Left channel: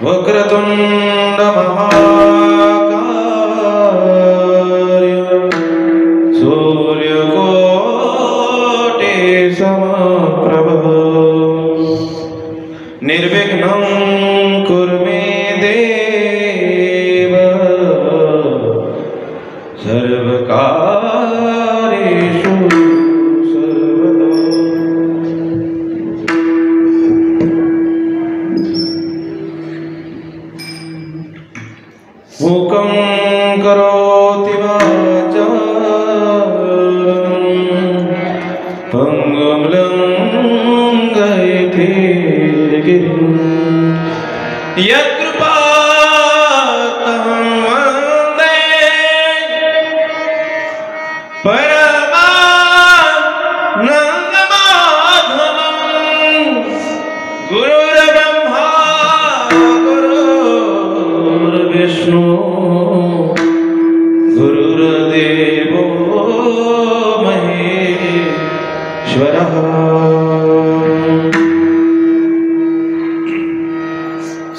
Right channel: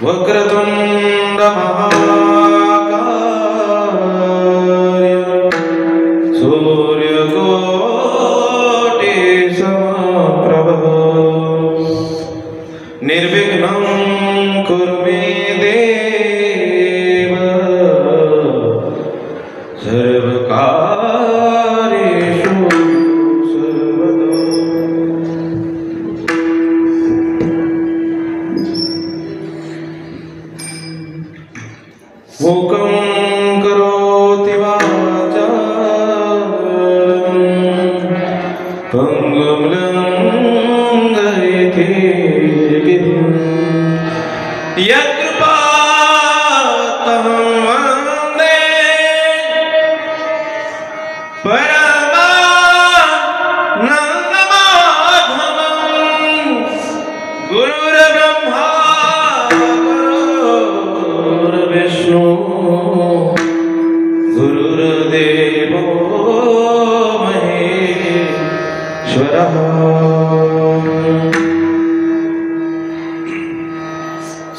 वक्रतुंड महाकाय सूर्यकोटि समप्रभ निर्विघ्नं कुरु मे देव सर्वकार्येषु सर्वदा। मूकं करोति वाचालं पंगुं लंघयते गिरिं यत्कृपातमहं वन्दे परमानन्दमाधवं गुरुर्ब्रह्मा गुरुर्विष्णु गुरुर्देवो महेश्वरः।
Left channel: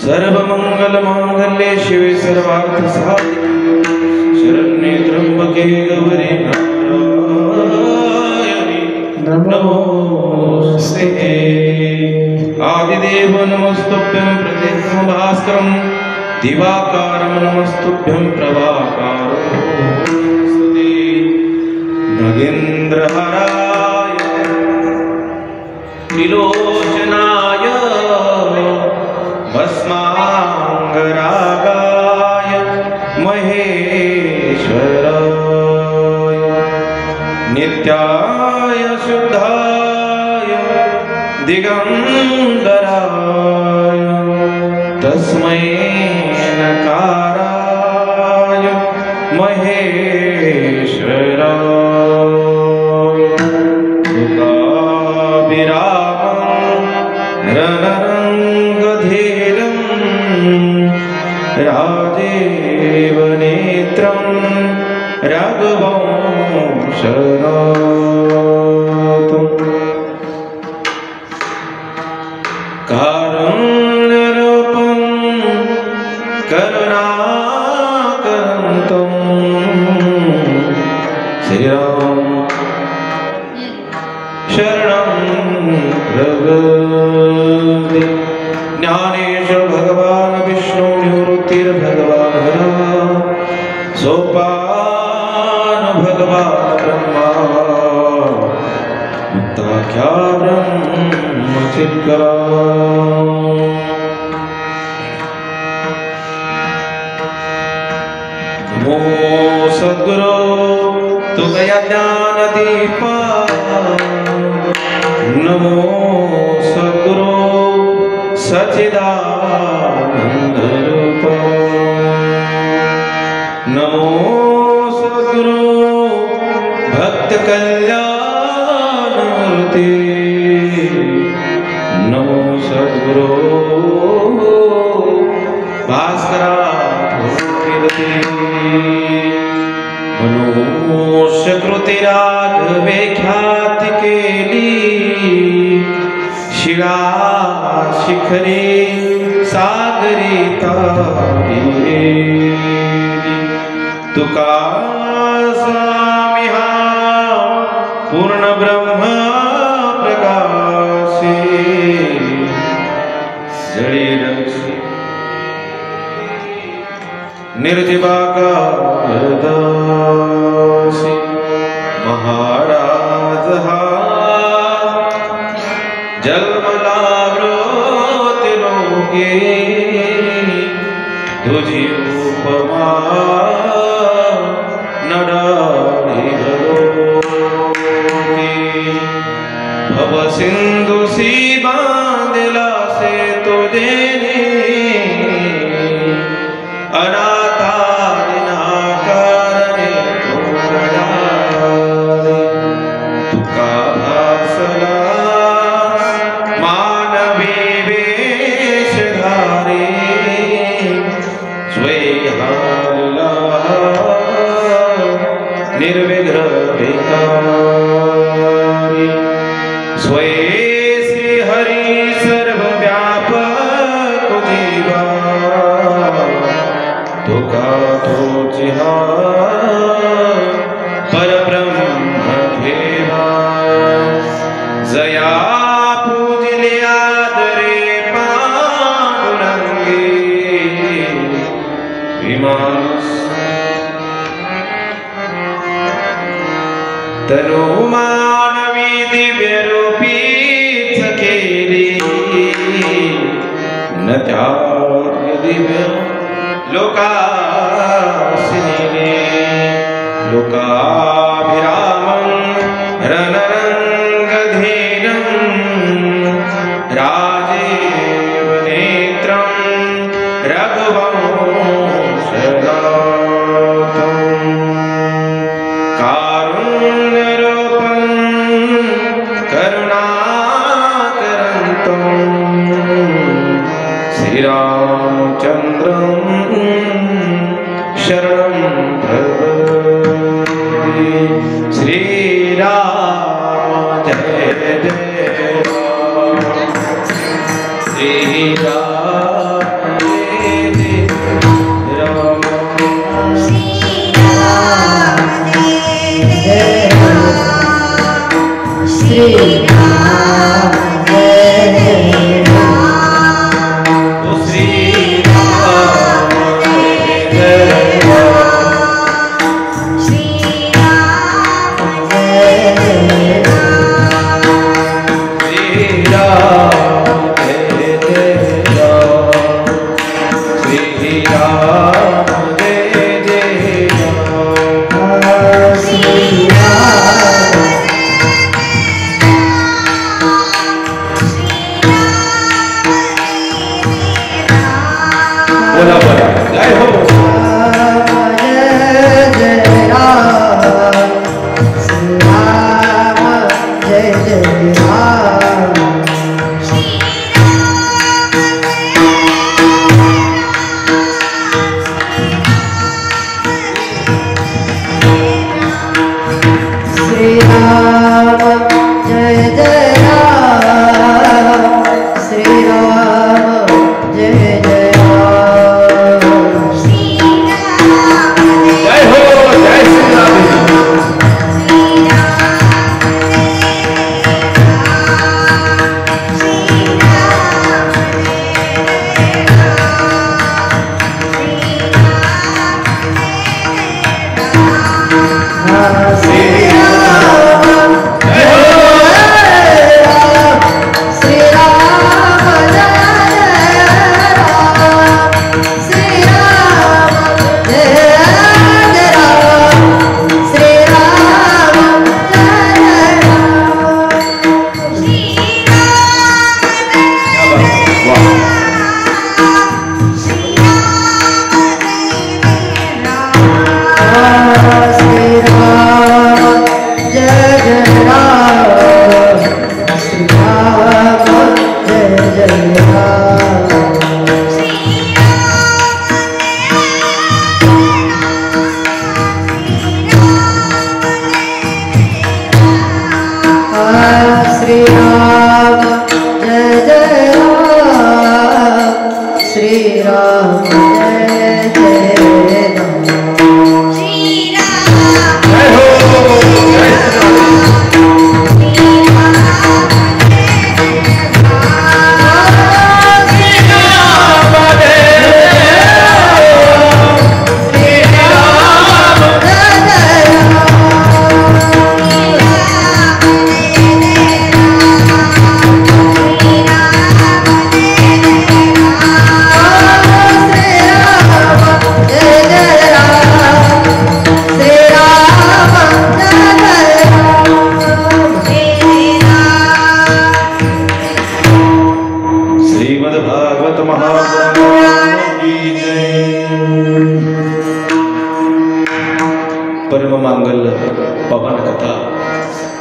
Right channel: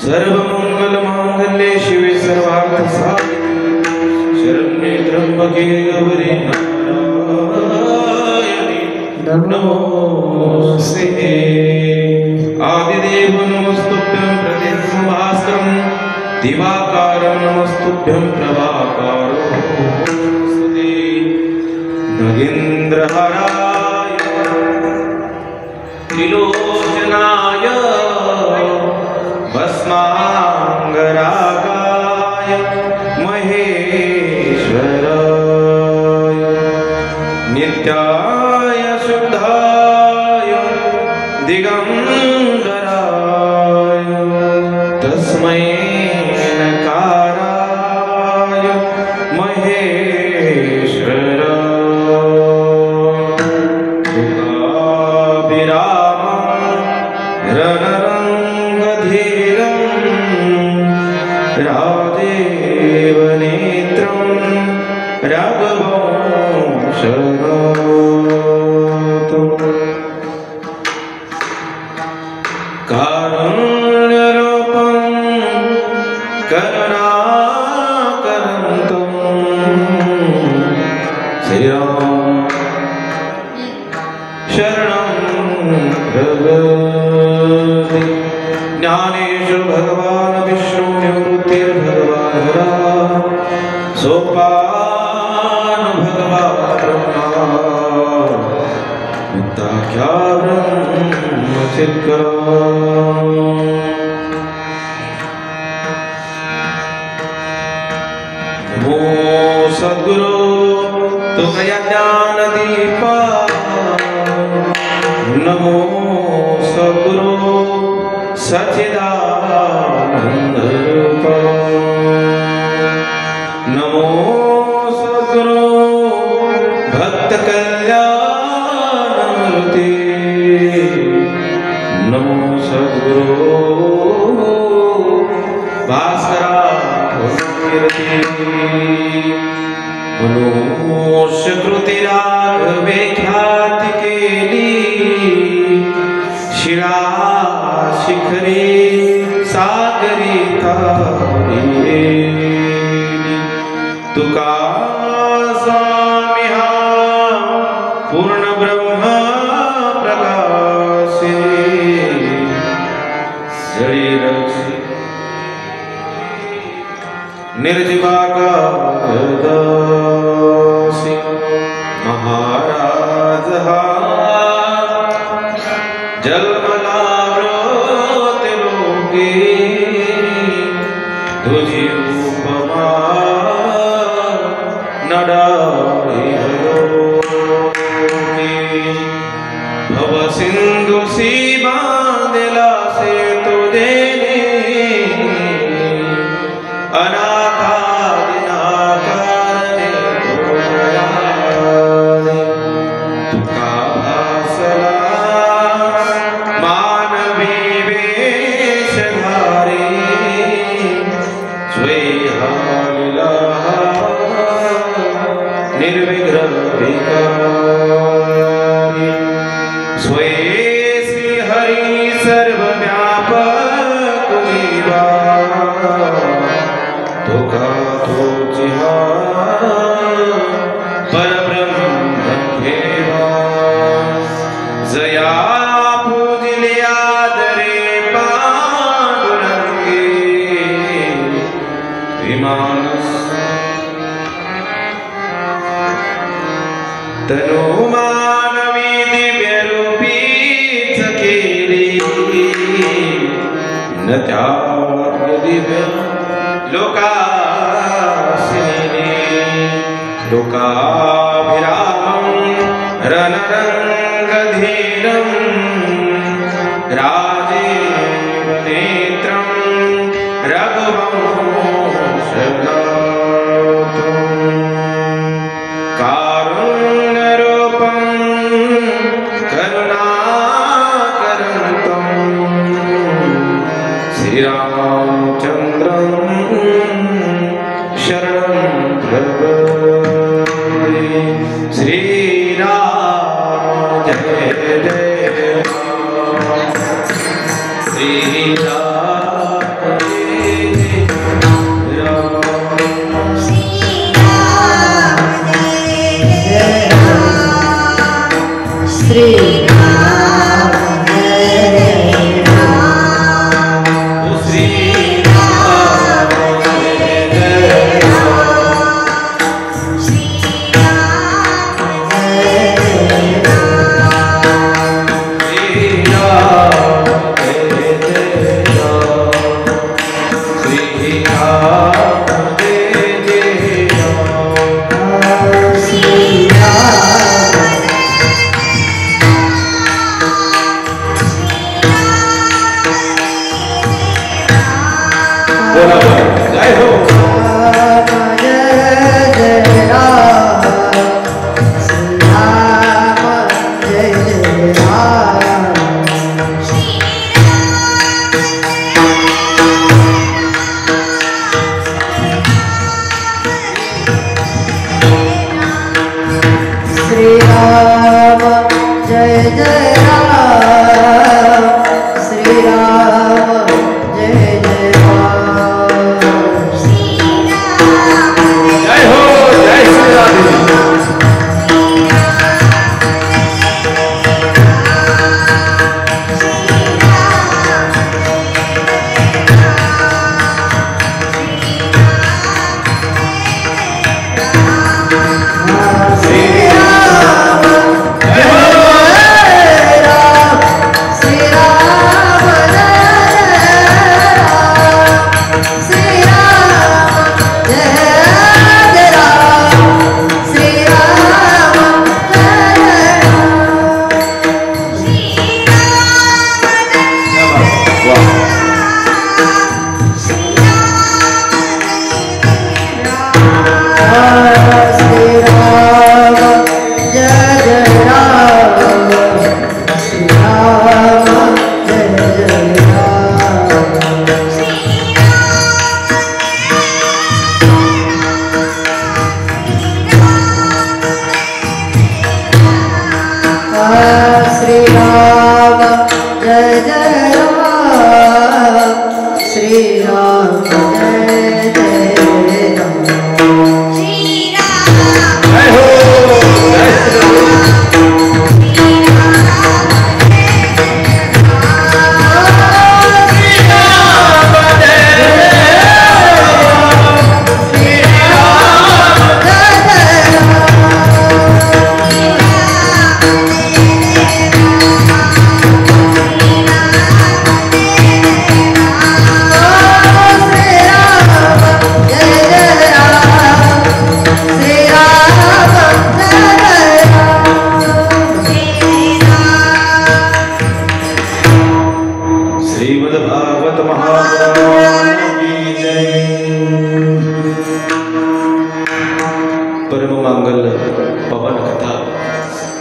सर्वमंगलमांगल्ये शिवे सर्वार्थसाधिके शरण्ये त्र्यंबके गौरी नारायणी नमोस्तुते। आदिदेव नमस्तुभ्यं प्रतिभास्करं दिवाकारं नमस्तुभ्यं प्रभाकारो नमस्ते। नगेन्द्रहराय त्रिलोचनाय भस्मांगरागाय महेश्वराय नित्याय शुद्धाय दिगंबराय तस्मै नकाराय महेश्वराय तुकाभिरामं रणरङ्गधीरं राजेव नेत्रं रघुवंशनाथं कारुण्यरूपं करुणाकरन्तं श्रीराम शरणं प्रपद्ये। ज्ञानेश्वर भगवान विष्णु निवृत्तिर्भगवान् राम सोपान भगवान् ब्रह्मा मुक्ताख्यानं चित्करा। नमो सद्गुरो तुकया ज्ञानदीपा नमो सद्गुरो सच्चिदानन्दरूपा नमो सद्गुरो भक्तकल्याणमूर्ते नमो सद्गुरो भास्कराकृते मनुष्यकृते राघवे ख्याति केली शिरा शिखरे सागरी तारी तुका स्वामी हा पूर्ण ब्रह्म प्रकाशे जळी रक्षी निर्जीवाका दासी महाराज हा जन्मलावृत लोके तुझी उपमा नडारी भव सिंधु सी बांधला से तो देने अनाथा दिनाकारणे तो तुका भासला मानवी वेशधारी स्वे तुका तोची हा परब्रह्म घेवा जया पूजिले आदरे पांडुरंगी विमानस तनु मानवी दिव्य रूपीच केली न त्या दिव्य लोकासिनी लोकाभिरामं रणरंगधीरं राजीव नेत्रं रघुवंशनाथं कारुण्यरूपं करुणाकरन्तं श्रीरामचन्द्रं शरणं भजे श्रीराम जय जय श्रीराम जय राम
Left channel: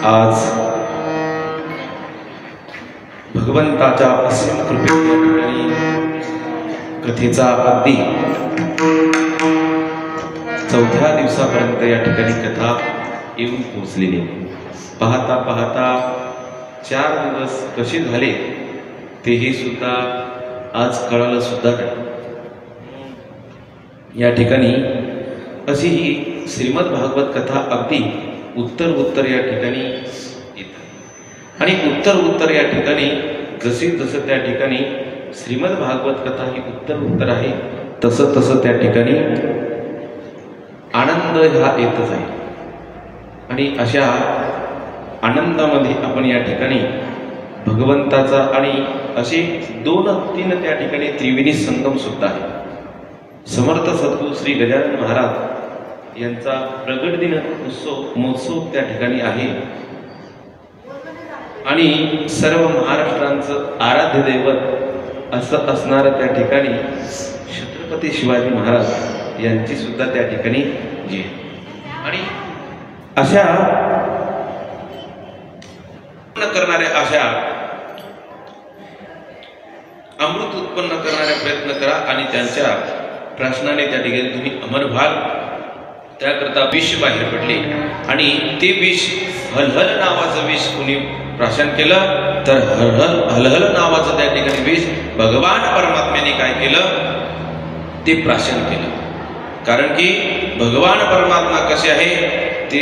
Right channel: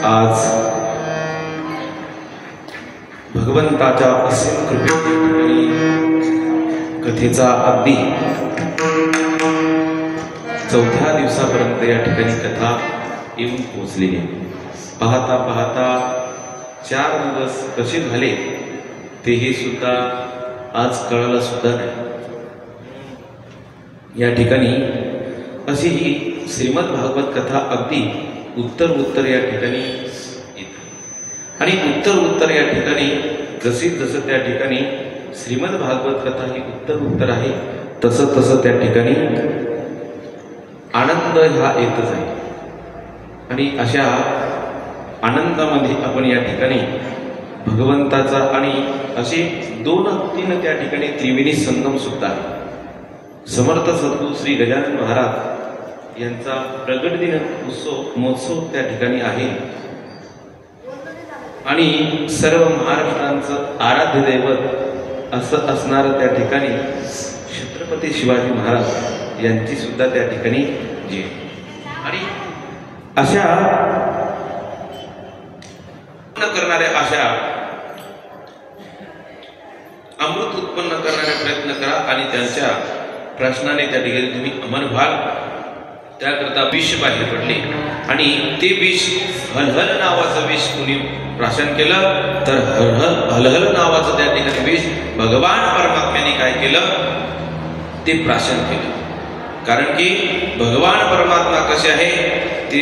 आज भगवंताच्या असीम कृपेने कथेचा अगदी चौथ्या दिवसापर्यंत या ठिकाणी कथा येऊन पोहोचलेली आहे. पाहता पाहता 4 दिवस कसे झाले तेही सुद्धा आज कळालं सुद्धा नाही. या ठिकाणी अशी ही श्रीमद भागवत कथा अगदी उत्तर या ठिकाणी येते आणि उत्तर या ठिकाणी जसं त्या ठिकाणी श्रीमद भागवत कथा ही उत्तर आहे तसं त्या ठिकाणी आनंद हा येतच आहे आणि अशा आनंदामध्ये आपण या ठिकाणी भगवंताचा आणि असे 2-3 त्या ठिकाणी त्रिवेणी संगम सुद्धा आहे. समर्थ सद्गुरू श्री गजानन महाराज यांचा प्रगट दिन महोत्सव त्या ठिकाणी आहे आणि सर्व महाराष्ट्रांचं आराध्य दैवत असं असणारं त्या ठिकाणी छत्रपती शिवाजी महाराज यांची सुद्धा त्या ठिकाणी जी आणि अशा करणाऱ्या अशा अमृत उत्पन्न करणारे प्रयत्न करा आणि त्यांच्या प्रश्नाने त्या ठिकाणी तुम्ही अमर व्हाल. त्याकरता विष बाहेर पडले आणि ते विष हलहल नावाचं विष कुणी प्राशन केलं तर हलहल नावाचं त्या ठिकाणी विष भगवान परमात्म्याने काय केलं ते प्राशन केलं. कारण की भगवान परमात्मा कसे आहे ते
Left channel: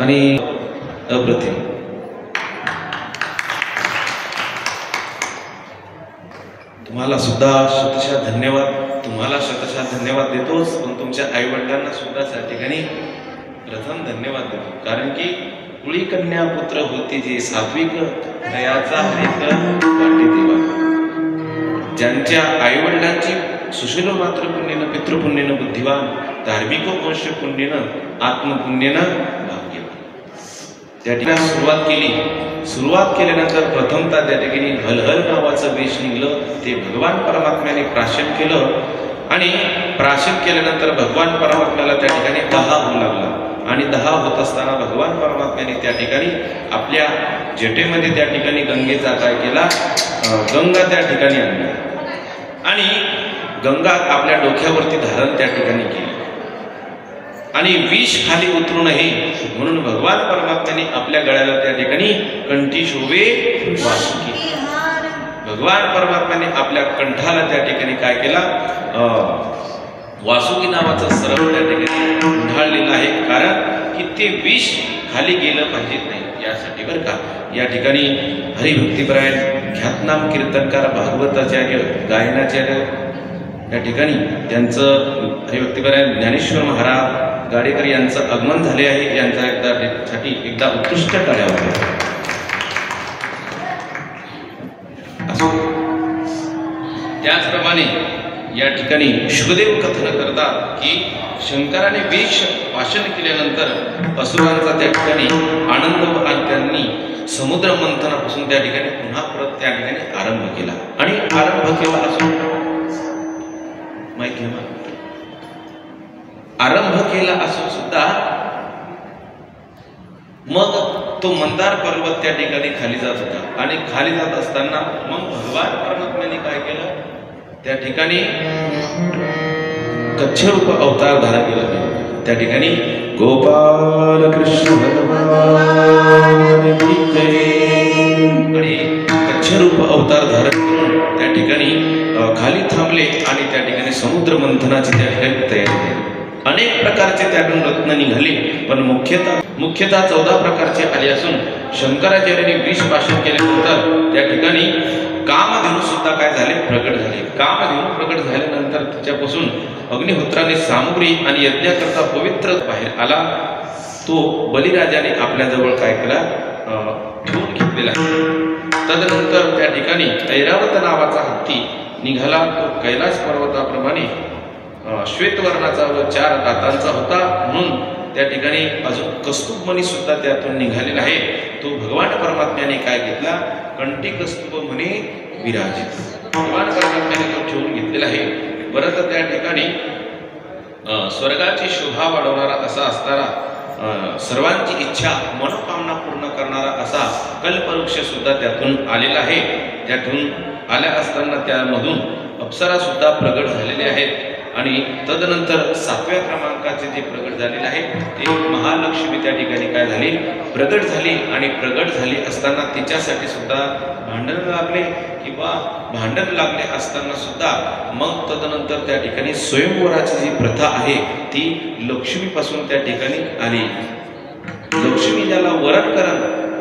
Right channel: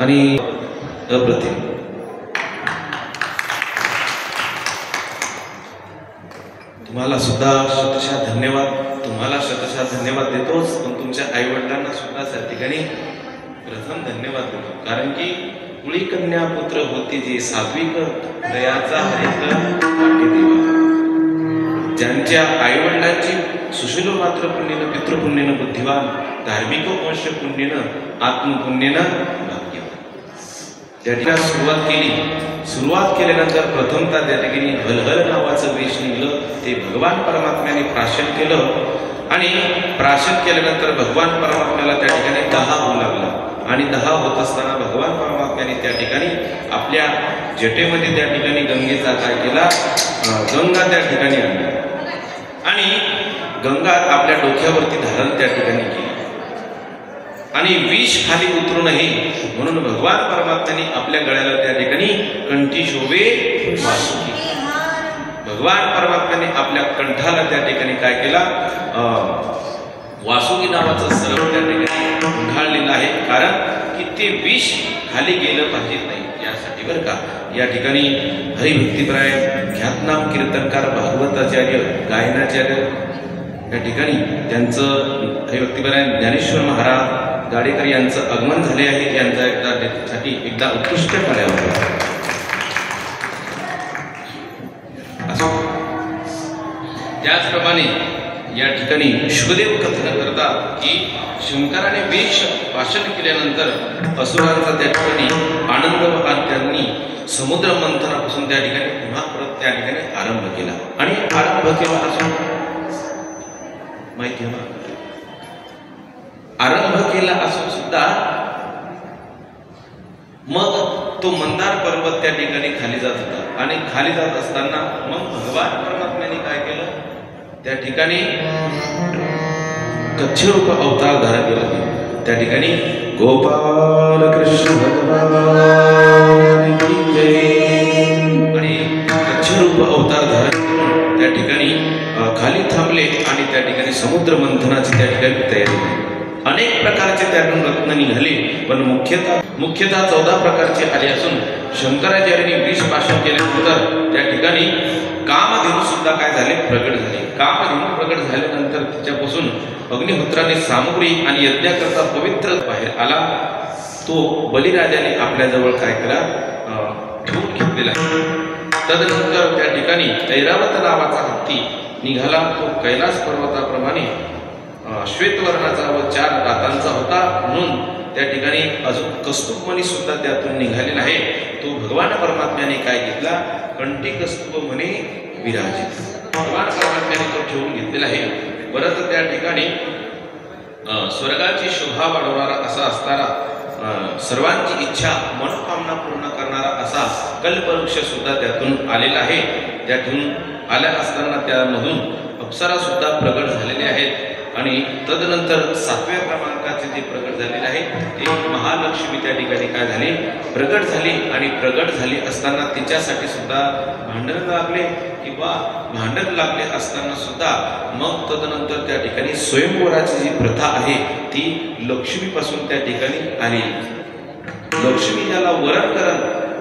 आणि अप्रतिम. तुम्हाला सुद्धा शतशः धन्यवाद. तुम्हाला शतशः धन्यवाद देतोच, पण तुमच्या आई वडिलांना सुद्धा त्या ठिकाणी प्रथम धन्यवाद देतो. कारण की कुळी कन्या पुत्र होती जे सात्विक दयाचा हरित वाटे देवा. ज्यांच्या आई वडिलांची सुशील मात्र पुण्यनं पितृपुण्यनं बुद्धिवान धार्मिक वंश पुण्यनं आत्मपुण्यनं भाग्यवान. त्या ठिकाणी सुरुवात केल्यानंतर प्रथमतः त्या ठिकाणी हलहल नावाचं वेश निघलं. ते भगवान परमात्म्याने प्राशन केलं आणि प्राशन केल्यानंतर भगवान परमात्म्याला त्या ठिकाणी 10 होऊ लागलं. आणि 10 होत असताना भगवान परमात्म्याने त्या ठिकाणी आपल्या जटेमध्ये त्या ठिकाणी गंगेचा काय केला, गंगा त्या ठिकाणी आणली आणि गंगा आपल्या डोक्यावरती धारण त्या ठिकाणी केली आणि विष खाली उतरू नये म्हणून भगवान परमात्म्याने आपल्या गळ्याला त्या ठिकाणी कंठी शोभे वासुकी. भगवान परमात्म्याने आपल्या कंठाला त्या ठिकाणी काय केला, वासुकी नावाचं सरळ त्या ठिकाणी गुंढाळलेलं आहे. कारण की ते विष खाली गेलं पाहिजे नाही यासाठी बरं का. या ठिकाणी हरिभक्तिपरायण ख्यातनाम कीर्तनकार भागवताचार्य गायनाचार्य या ठिकाणी त्यांचं हरिभक्तिपरायण ज्ञानेश्वर महाराज गाडेकर यांचं आगमन झाले आहे. यांचा एकदा उत्कृष्ट टाळ्या होत्या. त्याचप्रमाणे या ठिकाणी शुभदेव कथन करतात की शंकराने वेश भाषण केल्यानंतर असुरांचा त्या ठिकाणी आनंद आणि त्यांनी समुद्र मंथनापासून त्या ठिकाणी पुन्हा परत त्या ठिकाणी आरंभ केला. आणि आरंभ केला असून माहिती आहे, आरंभ केला असून सुद्धा मग तो मंदार पर्वत त्या ठिकाणी खाली जात होता आणि खाली जात असताना मग भगवान परमात्म्याने काय केलं, त्या ठिकाणी कच्छरूप अवतार धारण केला. त्या ठिकाणी गोपाल कृष्ण भगवान की जय आणि कच्छरूप अवतार धारण करून त्या ठिकाणी खाली थांबले आणि त्या ठिकाणी समुद्र मंथनाची त्या ठिकाणी तयारी केली. अनेक प्रकारचे त्यातून रत्न निघाले, पण मुख्यतः 14 प्रकारचे आले असून शंकराचार्यांनी विष भाषण केल्यानंतर त्या ठिकाणी कामधेनू सुद्धा काय झाले, प्रगट झाले. कामधेनू प्रगट झाल्यानंतर तिच्यापासून अग्निहोत्राने सामुग्री आणि यज्ञाकरता पवित्र बाहेर आला. तो बलिराजाने आपल्याजवळ काय केला, ठेवून घेतलेला. तदनंतर त्या ठिकाणी ऐरावत नावाचा हत्ती निघाला. तो कैलास पर्वताप्रमाणे श्वेतवर्णाचा व 4 दातांचा होता म्हणून त्या ठिकाणी अजून कस्तूपमणी सुद्धा त्यातून निघालेला आहे. तो भगवान परमात्म्याने काय घेतला, कंठी कस्तूप म्हणे विराजित. भगवान परमात्म्याने तो ठेवून घेतलेला आहे. परत त्या ठिकाणी स्वर्गाची शोभा वाढवणारा असा असणारा सर्वांची इच्छा मनोकामना पूर्ण करणारा असा कल्पवृक्ष सुद्धा त्यातून आलेला आहे. त्यातून आल्या असताना त्यामधून अप्सरा सुद्धा प्रगट झालेले आहेत. आणि तदनंतर 7व्या क्रमांकाचे जे प्रगट झालेले आहे ते महालक्ष्मी त्या ठिकाणी काय झाली, प्रगट झाली. आणि प्रगट झाली असताना तिच्यासाठी सुद्धा भांडण लागले किंवा भांडण लागले असताना सुद्धा मग तदनंतर त्या ठिकाणी स्वयंवराची जी प्रथा आहे ती लक्ष्मीपासून त्या ठिकाणी आली. लक्ष्मी ज्याला वरण करण,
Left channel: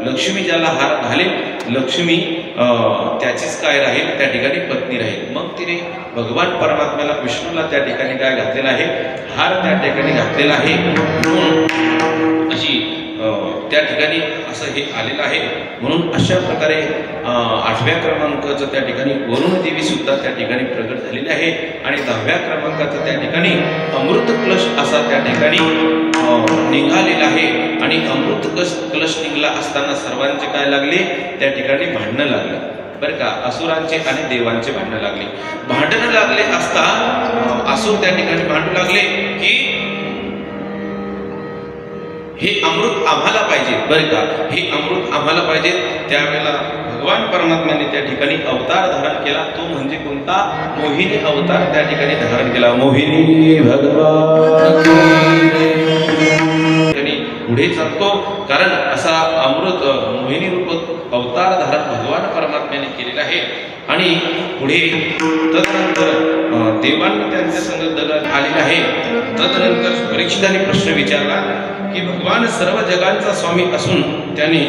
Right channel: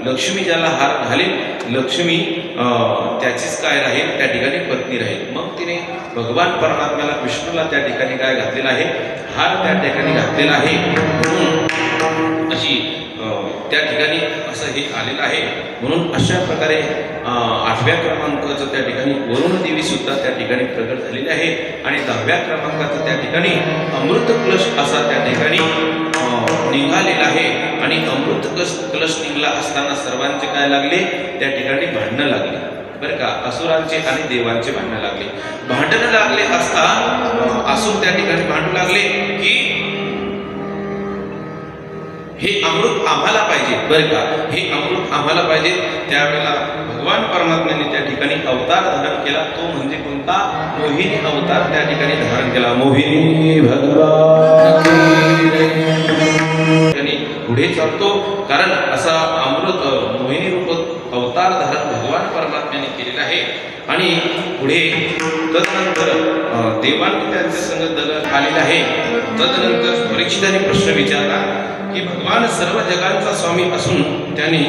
लक्ष्मी ज्याला हार घालेल, लक्ष्मी त्याचीच काय राहील, त्या ठिकाणी पत्नी राहील. मग तिने भगवान परमात्म्याला विष्णूला त्या ठिकाणी काय घातलेला आहे, हार त्या ठिकाणी घातलेला आहे. म्हणून अशी त्या ठिकाणी असं हे आलेलं आहे. म्हणून अशा प्रकारे 8व्या क्रमांकाचं त्या ठिकाणी वरुण देवी सुद्धा त्या ठिकाणी प्रगट झालेली आहे. आणि 10व्या क्रमांकाचं त्या ठिकाणी अमृत कलश असा त्या ठिकाणी निघालेला आहे. आणि अमृत कलश निघाला असताना सर्वांचे काय लागले, त्या ठिकाणी भांडणं लागले बरं का. असुरांचे आणि देवांचे भांडणं लागले. भांडणं लागले असता असुर त्या ठिकाणी भांडू लागले की हे अमृत आम्हाला पाहिजे बरं का, हे अमृत आम्हाला पाहिजे. त्यावेळेला भगवान परमात्म्याने त्या ठिकाणी अवतार धारण केला. तो म्हणजे कोणता, मोहिनी अवतार त्या ठिकाणी धारण केला. मोहिनी भगवान पुढे चालतो कारण असा अमृत मोहिनी रूप अवतार धारण भगवान परमात्म्याने केलेला आहे. आणि पुढे तदनंतर देवांनी त्यांच्या संग दगड आलेला आहे. तदनंतर परीक्षितांनी प्रश्न विचारला की भगवान सर्व जगांचा स्वामी असून त्यांनी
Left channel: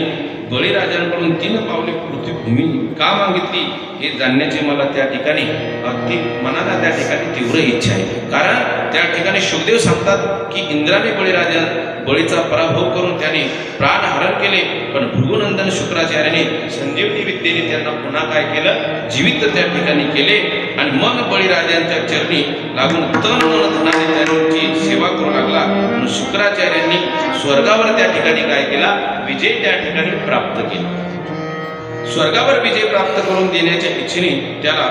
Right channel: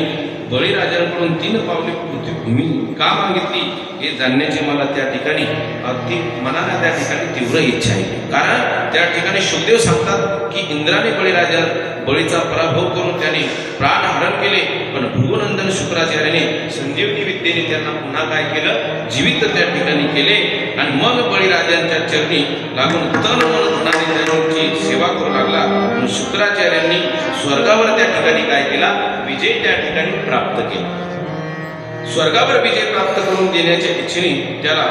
बळीराजांकडून 3 पावले पृथ्वीभूमी का मागितली हे जाणण्याची मला त्या ठिकाणी अगदी मनाला त्या ठिकाणी तीव्र इच्छा आहे. कारण त्या ठिकाणी शुकदेव सांगतात की इंद्राने बळीचा पराभव करून त्याने प्राणहरण केले, पण भृगुनंदन शुक्राचार्याने संजीवनी विद्येने त्यांना पुन्हा काय केलं, जीवित त्या ठिकाणी केले. आणि मग बळीराजांच्या चरणी लागून तन मन धनाने त्यांची सेवा करू लागला. म्हणून शुक्राचार्यांनी स्वर्गावर त्या ठिकाणी काय केला, विजय त्या ठिकाणी प्राप्त केला. स्वर्गावर विजय प्राप्त करून देण्याच्या इच्छेने त्याला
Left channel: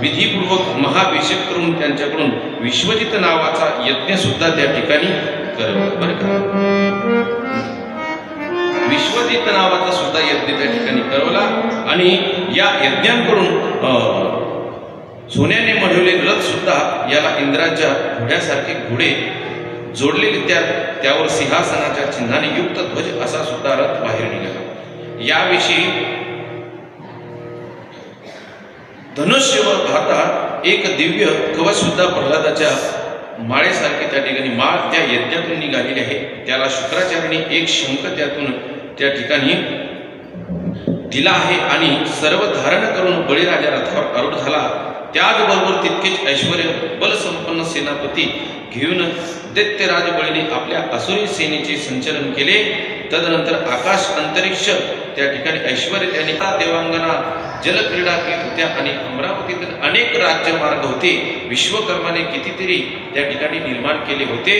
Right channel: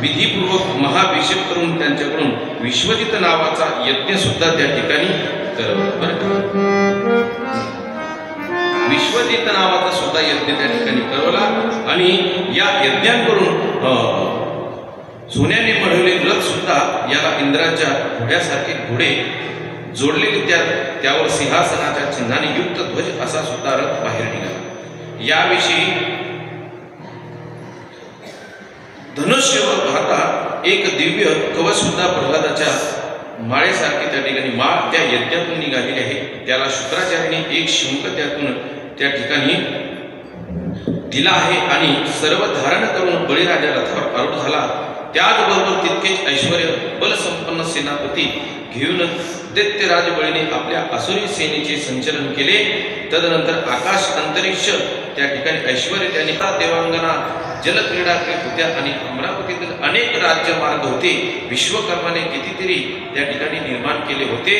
विधीपूर्वक महाभिषेक करून त्यांच्याकडून विश्वजित नावाचा यज्ञ सुद्धा त्या ठिकाणी करवला. विश्वजित नावाचा सुद्धा यज्ञ त्या ठिकाणी करवला. आणि या यज्ञांकडून सोन्याने मढवलेले रथ सुद्धा याला इंद्राच्या घोड्यासारखे घोडे जोडलेले, त्यावर सिंहासनाच्या चिन्हाने युक्त ध्वज असा सुद्धा रथ बाहेर निघाला. याविषयी धनुष्य व घाता एक दिव्य कवच सुद्धा प्रल्हादाच्या माळेसारखे त्या ठिकाणी माळ त्या यज्ञातून निघालेली आहे. त्याला शुक्राचार्याने एक शंख त्यातून त्या ठिकाणी दिला आहे. आणि सर्व धारण करून बळीराजा रथावर आरूढ झाला. त्याचबरोबर तितकेच ऐश्वर्य बलसंपन्न सेनापती घेऊन दैत्यराज बळीने आपल्या असुरी सेनेचे संचलन केले. तदनंतर आकाश अंतरिक्ष त्या ठिकाणी ऐश्वर्य त्यांनी देवांगना जलक्रीडा केली होत्या. आणि अमरावतीतील अनेक राज्यमार्ग होते. विश्वकर्माने कितीतरी त्या ठिकाणी निर्माण केले होते.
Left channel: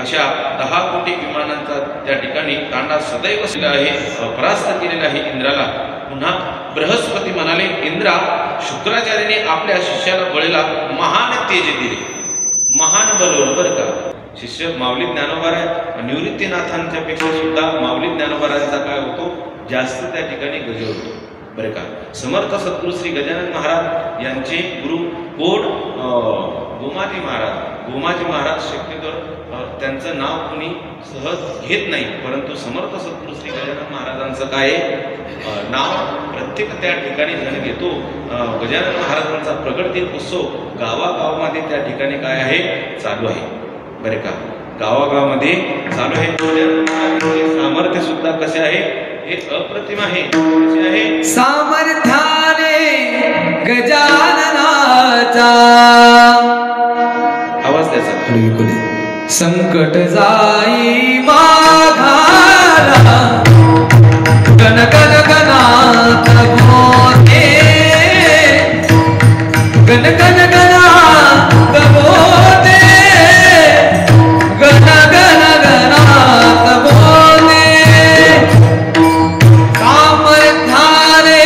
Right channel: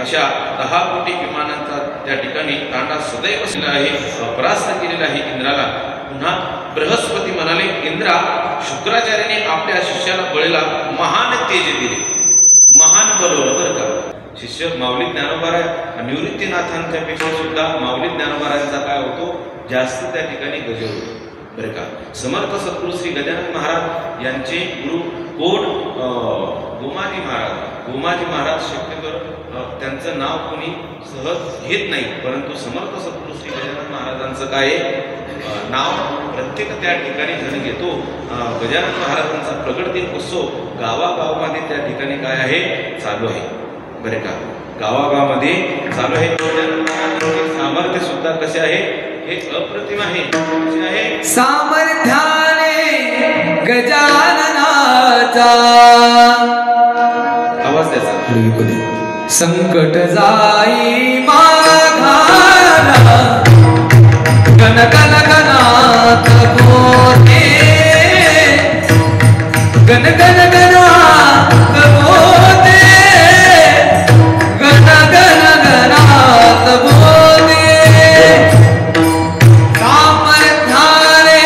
अशा 10 कोटी विमानांचा त्या ठिकाणी तांडा सदैव परास्त केलेला आहे इंद्राला. पुन्हा बृहस्पती म्हणाले, इंद्रा, शुक्राचार्याने आपल्या शिष्याला बळीला महान तेज दिले, महान बलवलं. बरं का, शिष्य माऊली ज्ञानोबार आहे. निवृत्तीनाथांच्या पेक्षा सुद्धा माऊली ज्ञानोबारांचा काय होतो, जास्त त्या ठिकाणी गजर होतो. बरं का, समर्थ सद्गुरू श्री गजानन महाराज यांचे गुरु कोण, गोमाजी महाराज. गोमाजी महाराज शक्यतो त्यांचं नाव कोणी सहज घेत नाही, परंतु समर्थ सद्गुरू श्री गजानन महाराजांचं काय नाव प्रत्येक त्या ठिकाणी जण घेतो. गजानन महाराजांचा प्रगट दिन उत्सव गावागावामध्ये त्या ठिकाणी काय आहे, चालू आहे. बरे का, गावागावामध्ये चालू आहे. सामर्थ्य सुद्धा कसे आहे, हे अप्रतिम आहे. कसे आहे, सामर्थ्याने गजाननाचा आवाज त्याचा. संकट जाई माघारा, गण गण गणात बोते, गण गण गणात बोते, गण गण गणात बोते. सामर्थ्याने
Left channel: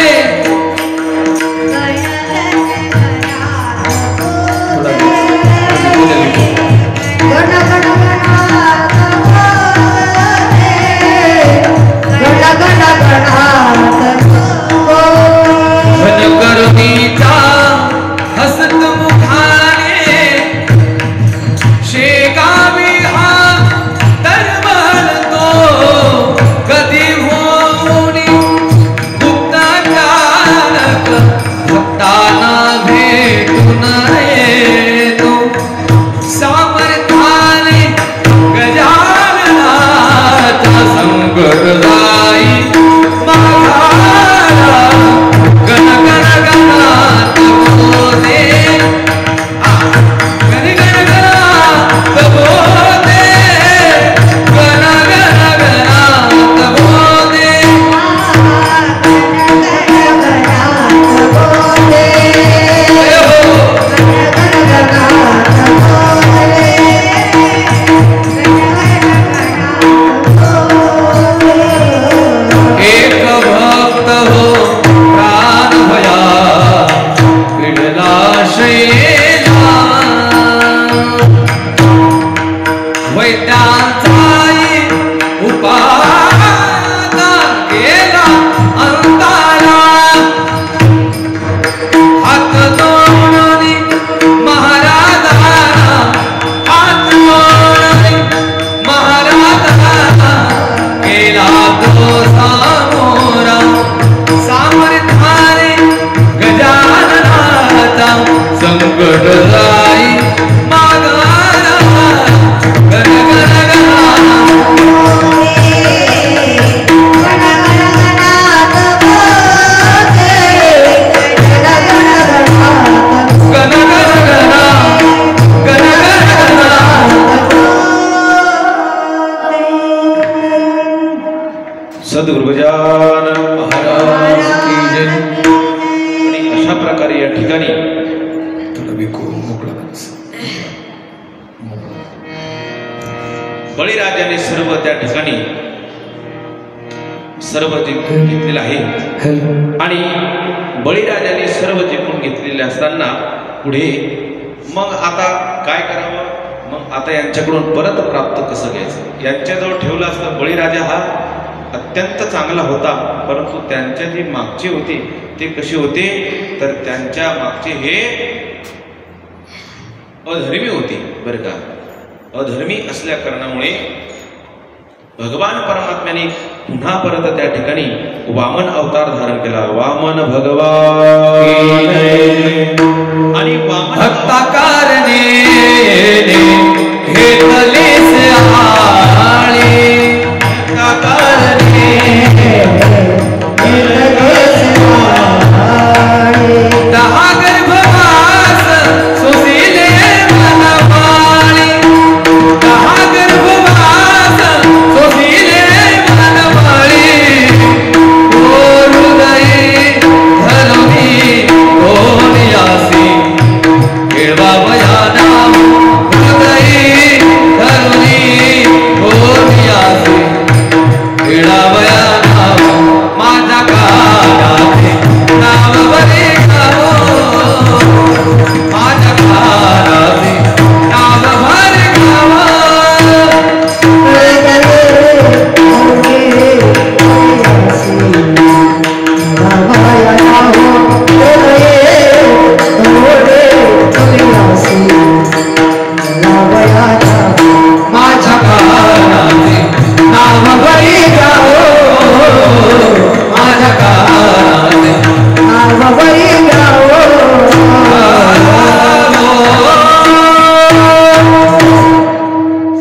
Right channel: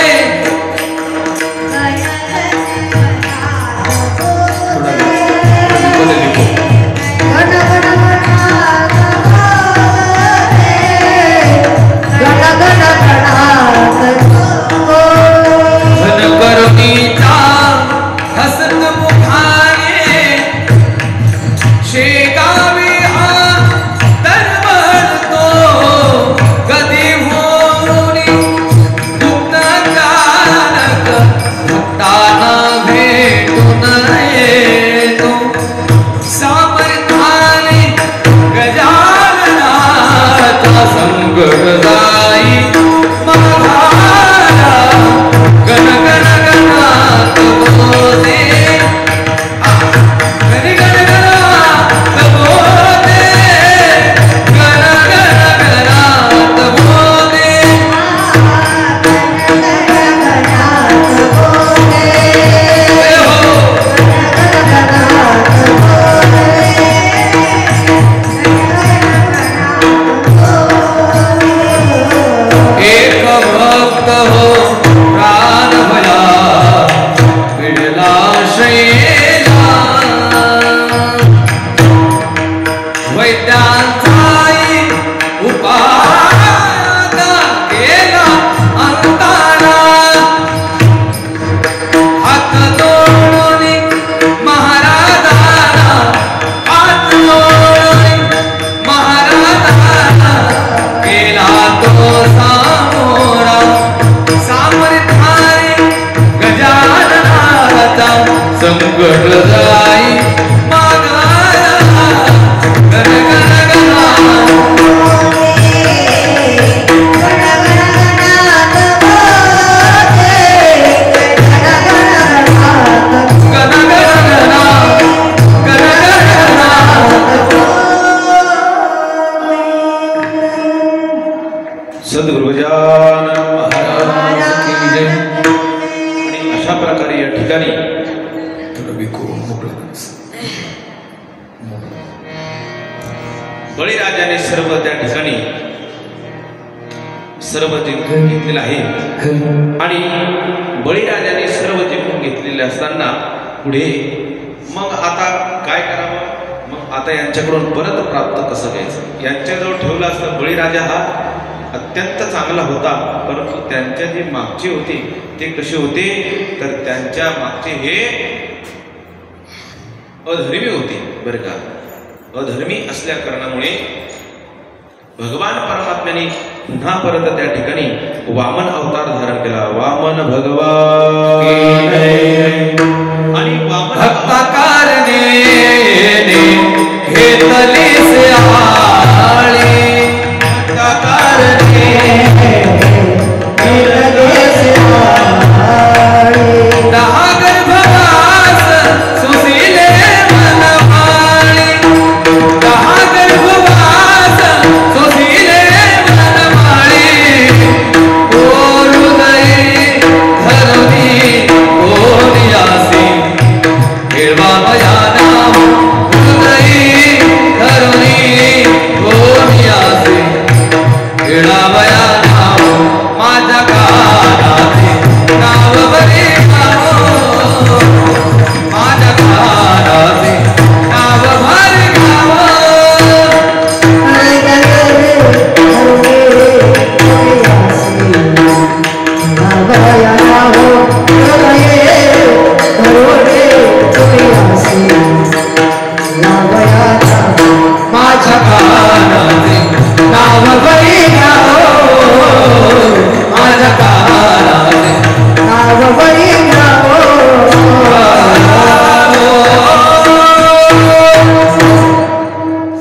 सद्गुरु गजानन महाराज की जय। आणि अशा प्रकारे या ठिकाणी बळीराजाने सर्व त्या ठिकाणी सर्व जिंकून घेतलेलं आहे आणि बळीराजाने सर्व जिंकून घेतलेले असताना पुढे मग आता काय करावं, मग आता यांच्याकडून परत प्राप्त कसं घ्यायचं। यांच्याजवळ ठेवलं असतं बळीराजा हा अत्यंत चांगला होता, परंतु त्यांच्या जे मागचे होते ते कसे होते तर त्यांच्या मागचे हे अधर्मी होते बरं का। अधर्मी असल्या कारणामुळे भगवान परमात्म्याने पुन्हा परत त्या ठिकाणी वामन अवतार धारण केला। वामन भगवान आणि वामन भक्ताकारणे घेतले से आळे भक्ताकारणे घेतले से आळे दहा गर्भवास सुशीले मनमाळे दहा गर्भवास सुशीले मनमाळे हृदय धरुनी ओरियासी केळवावया नाम हृदय धरुनी ओरियासी केळवावया नाम माझ्या कानाचे नाव बरे गावो माझ्या कानाचे नाव बरे गावो माझ्या कानाचे नाव बरे गावो माझ्या कानाचे नाव बरे गावो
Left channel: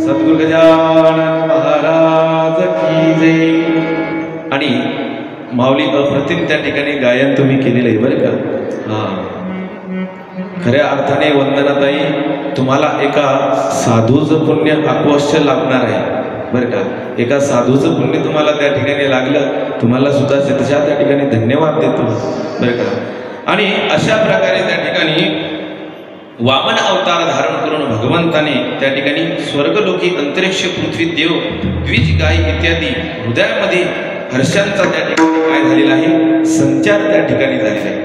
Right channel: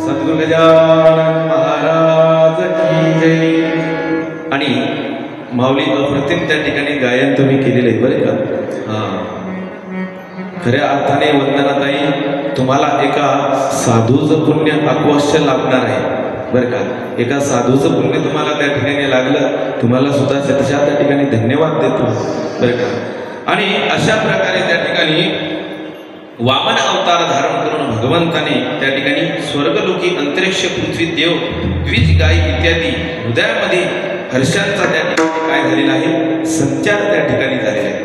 सद्गुरु गजानन महाराज की जय। आणि माऊली अप्रतिम त्या ठिकाणी गायन तुम्ही केलेलं आहे बरं का। खऱ्या अर्थाने वंदनाताई तुम्हाला एका साधूचं पुण्य अवश्य लागणार आहे बरं का। एका साधूचं पुण्य तुम्हाला त्या ठिकाणी लागलं, तुम्हाला सुद्धा शतशः त्या ठिकाणी धन्यवाद देतो बरं का। आणि अशा प्रकारे त्या ठिकाणी वामन अवतार धारण करून भगवंताने त्या ठिकाणी स्वर्गलोकी अंतरिक्ष पृथ्वी देव द्विज गाय इत्यादी हृदयामध्ये हर्षांचा त्या ठिकाणी काय झालेला आहे संचार त्या ठिकाणी झालेला आहे।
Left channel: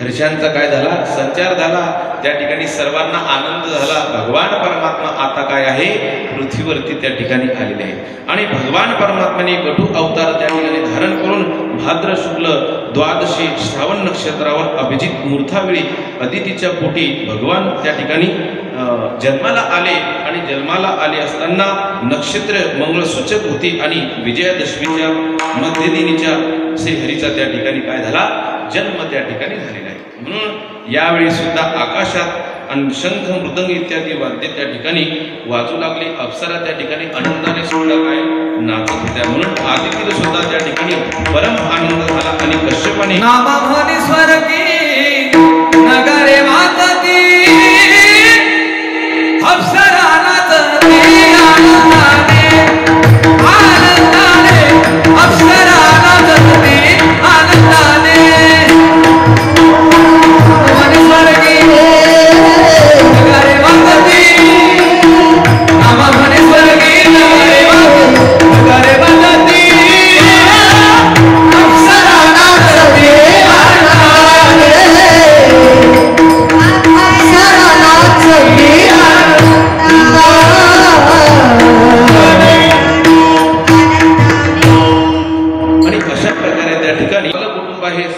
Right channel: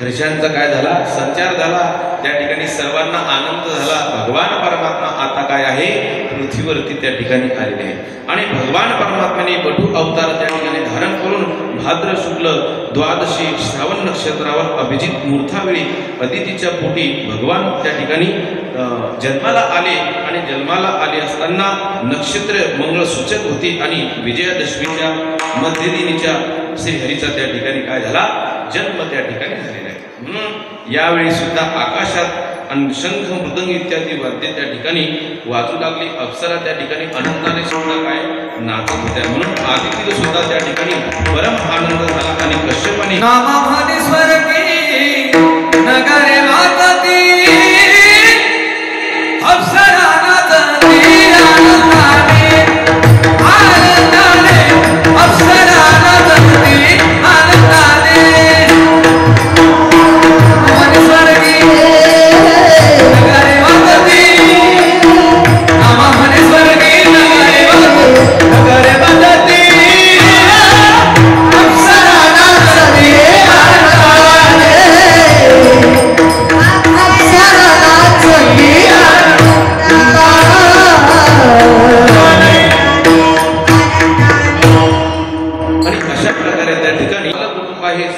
हर्षांचा काय झाला संचार झाला, त्या ठिकाणी सर्वांना आनंद झाला। भगवान परमात्मा आता काय आहे पृथ्वीवरती त्या ठिकाणी आलेले आहे आणि भगवान परमात्म्याने वटू अवतार त्या ठिकाणी धारण करून भाद्र शुक्ल द्वादशी श्रावण नक्षत्रावर अभिजित मुहूर्तावेळी अदितीच्या पोटी भगवान त्या ठिकाणी जन्माला आले आणि जन्माला आले असताना नक्षत्र मंगळ सूचक होती आणि विजयादशमीच्या मध्यदिनीच्या श्रीहरीचा त्या ठिकाणी काय झाला जन्म त्या ठिकाणी झालेला आहे। म्हणून यावेळी सुद्धा आकाशात आणि शंख मृदंग इत्यादी वाद्य त्या ठिकाणी वाजू लागले, अप्सरा त्या ठिकाणी आनंदाने सुद्धा काय नाचत होत्या। म्हणून आदितीला सुद्धा त्या ठिकाणी परम आनंद झाला आणि कश्यपाने नामामध्ये स्वर्गी नगरे मातती अप्सरा नाचती आनंदाने आनंदाने अप्सरा नाचती आनंदाने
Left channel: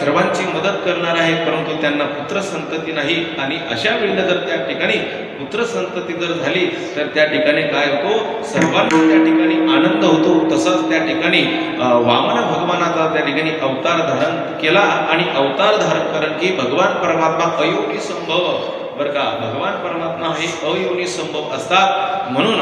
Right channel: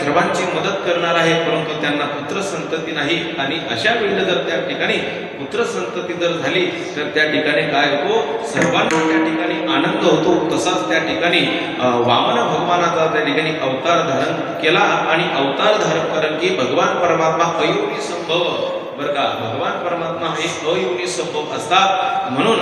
सर्वांची मदत करणार आहे, परंतु त्यांना पुत्र संतती नाही आणि अशा वेळेला जर त्या ठिकाणी पुत्र संतती जर झाली तर त्या ठिकाणी काय होतो सर्वांना त्या ठिकाणी आनंद होतो। तसाच त्या ठिकाणी वामन भगवानाचा त्या ठिकाणी अवतार धारण केला आणि अवतार धारण करून की भगवान परमात्मा अयोनी संभव बरं का, भगवान परमात्मा हे अयोनी संभव असतात म्हणून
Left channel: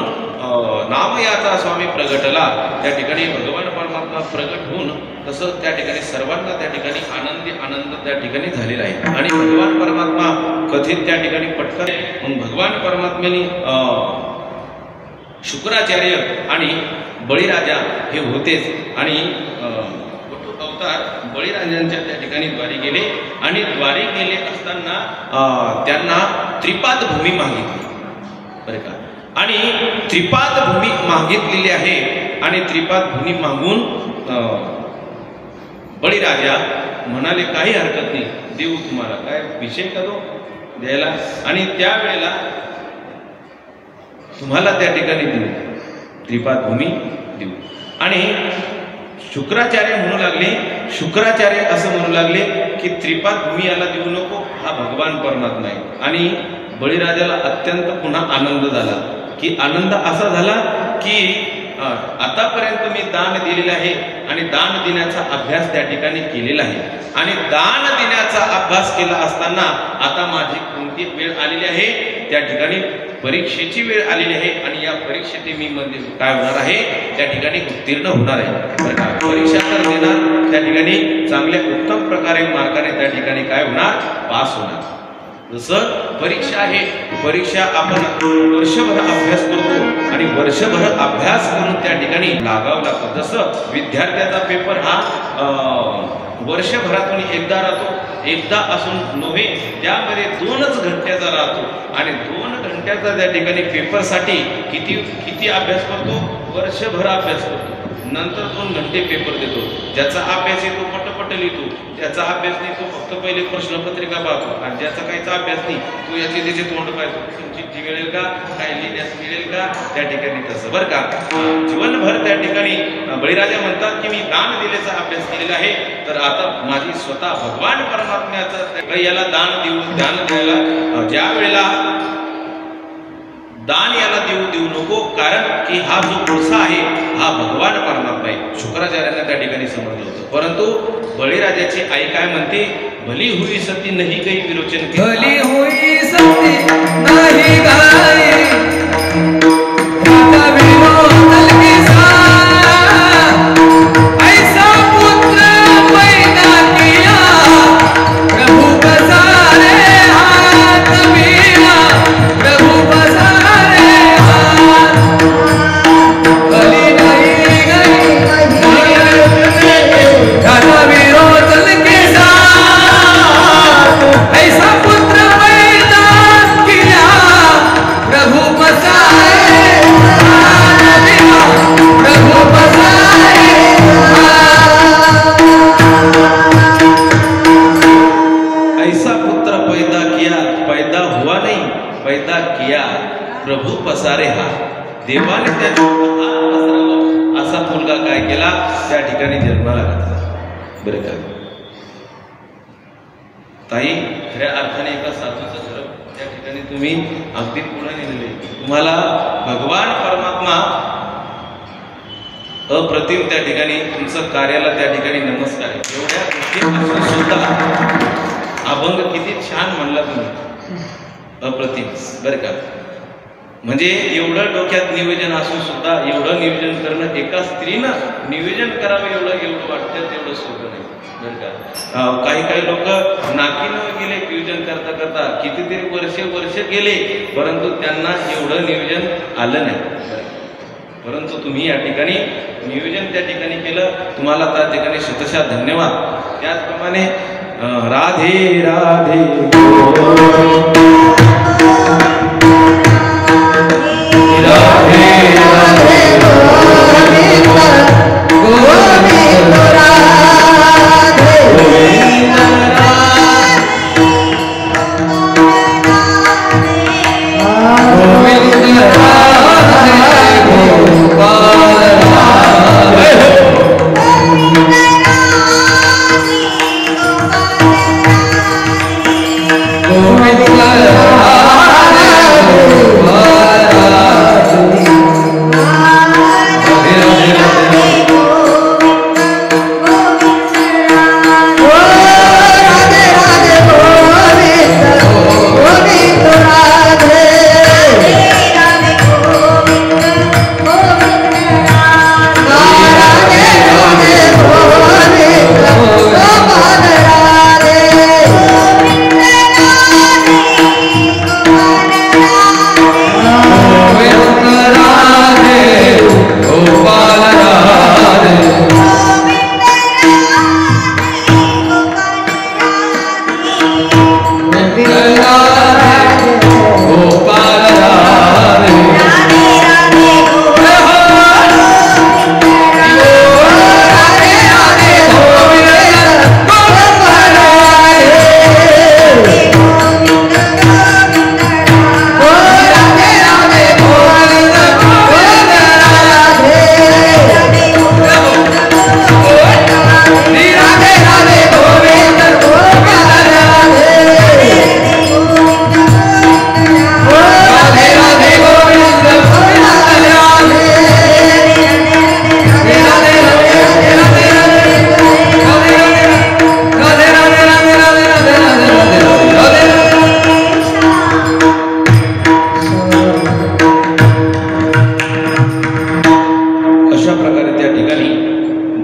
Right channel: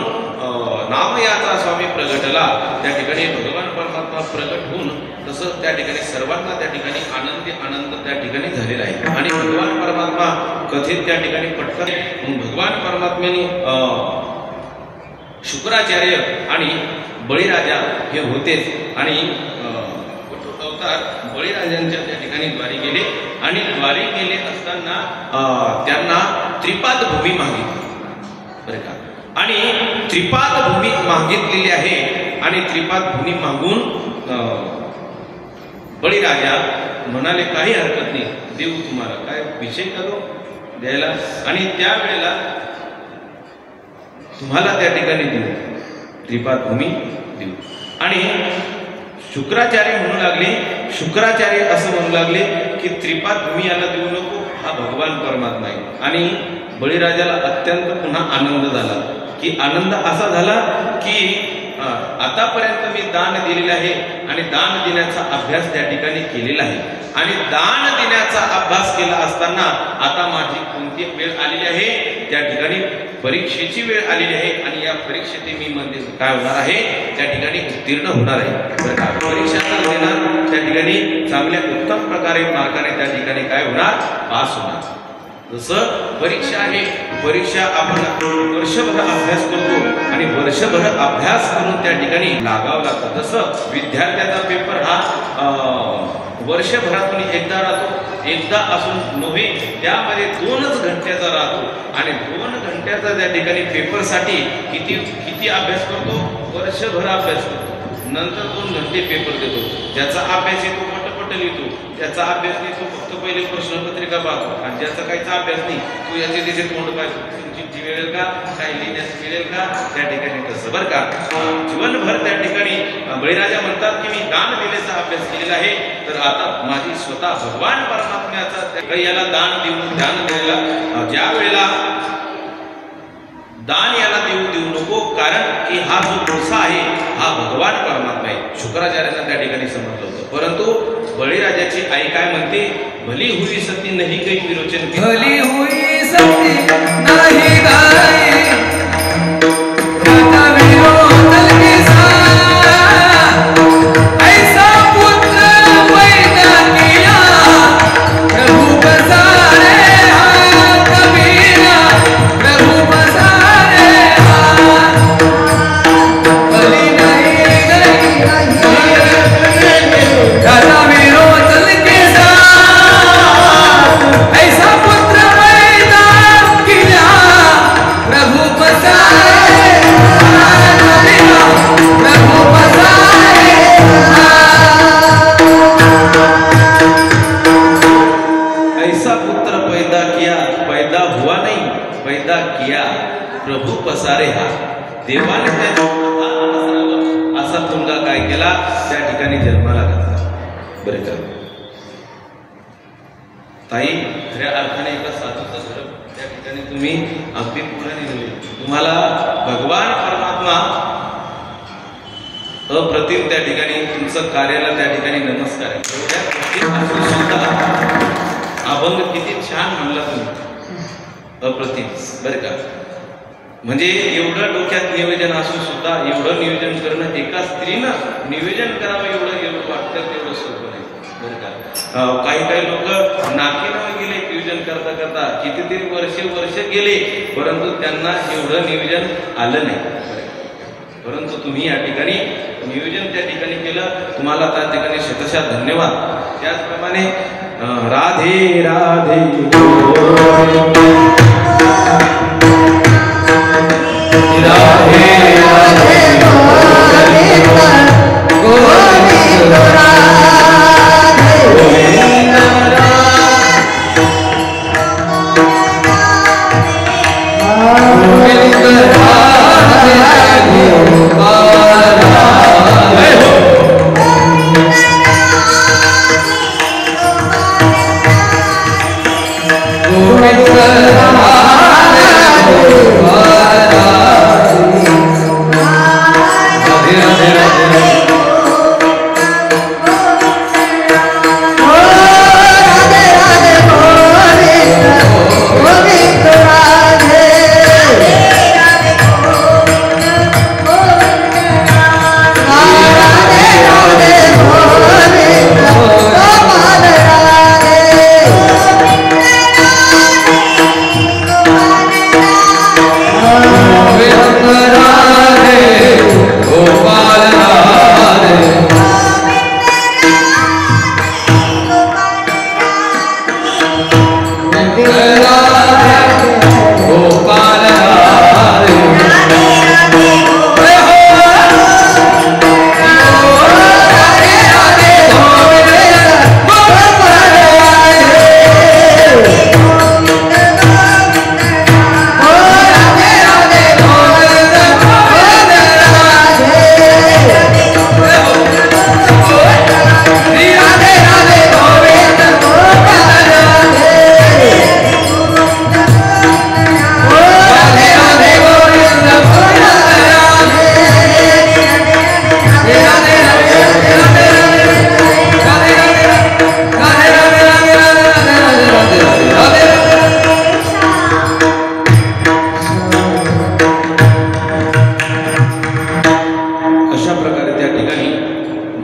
नाम याचा स्वामी प्रगटला। त्या ठिकाणी भगवान परमात्मा प्रगट होऊन तसं त्या ठिकाणी सर्वांना त्या ठिकाणी आनंद त्या ठिकाणी झालेला आहे आणि भगवान परमात्मा कथित त्या ठिकाणी पटकन भगवान परमात्म्याने शुक्राचार्य आणि बळीराजा हे होतेच आणि वटू अवतार बळीराजांच्या त्या ठिकाणी द्वारी गेले आणि द्वारी गेले असताना त्यांना त्रिपाद भूमी मागितली बरं का. आणि त्रिपाद भूमी मागितलेली आहे आणि त्रिपाद भूमी मागून बळीराजा म्हणाले काही हरकत नाही, देऊ तुम्हाला, काय विषय करू द्यायला. आणि त्यावेळेला तुम्हाला त्या ठिकाणी देऊ, त्रिपाद भूमी देऊ. आणि शुक्राचार्य म्हणू लागले, शुक्राचार्य असं म्हणू लागले की त्रिपाद भूमी याला देऊ नको, हा भगवान परमात्मा आहे. आणि बळीराजाला अत्यंत पुन्हा आनंद झाला की आनंद असा झाला की आतापर्यंत मी दान दिलेलं आहे आणि दान देण्याचा अभ्यास त्या ठिकाणी केलेला आहे. आणि दान देण्याचा अभ्यास केला असताना आता माझी कोणती वेळ आलेली आहे, त्या ठिकाणी परीक्षेची वेळ आलेली आहे. आणि या परीक्षेत मी मध्ये काय होणार आहे, त्या ठिकाणी उत्तीर्ण होणार आहे. परीक्षा तर देणार, त्या ठिकाणी चांगल्या उत्तम प्रकारे मार्गाने त्या ठिकाणी काय होणार, पास होणार. जसं परीक्षा आहे, परीक्षा आपण वर्षभर अभ्यास करतो आणि वर्षभर अभ्यास करून त्या ठिकाणी लागावं लागतं. जसं विद्यार्थ्याचा पेपर हा वर्षभरातून एकदा राहतो, एकदा असून नव्हे, त्यामध्ये 2च घंट्याचा राहतो. आणि 2 घंट्याचा त्या ठिकाणी पेपरसाठी किती अभ्यास करतो, वर्षभर अभ्यास करतो, नंतर 2 घंटे पेपर देतो. ज्याचा अभ्यास येतो पटपट लिहितो, ज्याचा अभ्यास नाही तो फक्त पहिले प्रश्नपत्रिका पाहतो. आणि ज्याचा काहीचा अभ्यास नाही तो याचे त्याचे तोंड पाहतो, चिठ्ठी मिळेल का, काय लिहिण्यास मिळेल का, त्या ठिकाणी तसं बरं का. जीवनभर त्या ठिकाणी बळीराजा म्हणतात की मी दान दिल्याचा अभ्यास केलेला आहे, तर आता माझी स्वतः भगवान परमात्म्याचा याला दान देऊ, दान द्यायला ज्या वेळेला दान याला देऊ नको, कारण की हा जो पुरुष आहे हा भगवान परमात्मा आहे. शुक्राचार्यांना त्या ठिकाणी समजलं होतं. परंतु बळीराजाची आई काय म्हणते, भली हुई सती नाही काही विरोचन, भली हुई सती नाही गाई प्रभू पसारे हा. देवाने असा मुलगा काय केला, त्या ठिकाणी जन्माला घातला. बरे का ताई, खऱ्या अर्थाने एका साधूचं घर त्या ठिकाणी तुम्ही अगदी पूर्ण नेले. तुम्हाला भगवान परमात्मा अप्रतिम त्या ठिकाणी तुमचं कार्याला त्या ठिकाणी नमस्कार आहे. एवढ्या गोष्टी सुद्धा अभंग किती छान म्हणला तुम्ही, अप्रतिम बरं का. म्हणजे एवढं डोक्यात नियोजन असून सुद्धा एवढं नियोजन करणं, एका स्त्रीनं नियोजन करावं एवढं वाटतं तेवढं सोपं नाही बरं का. काही लोक नाकीनं गेले नियोजन करता करता, कितीतरी वर्ष गेले, परंतु त्यांना एवढं नियोजन आलं नाही. परंतु तुम्ही या ठिकाणी नियोजन त्या ठिकाणी केलं, तुम्हाला त्या ठिकाणी शतशः धन्यवाद. त्याचप्रमाणे राधे राधे राधे गोविंद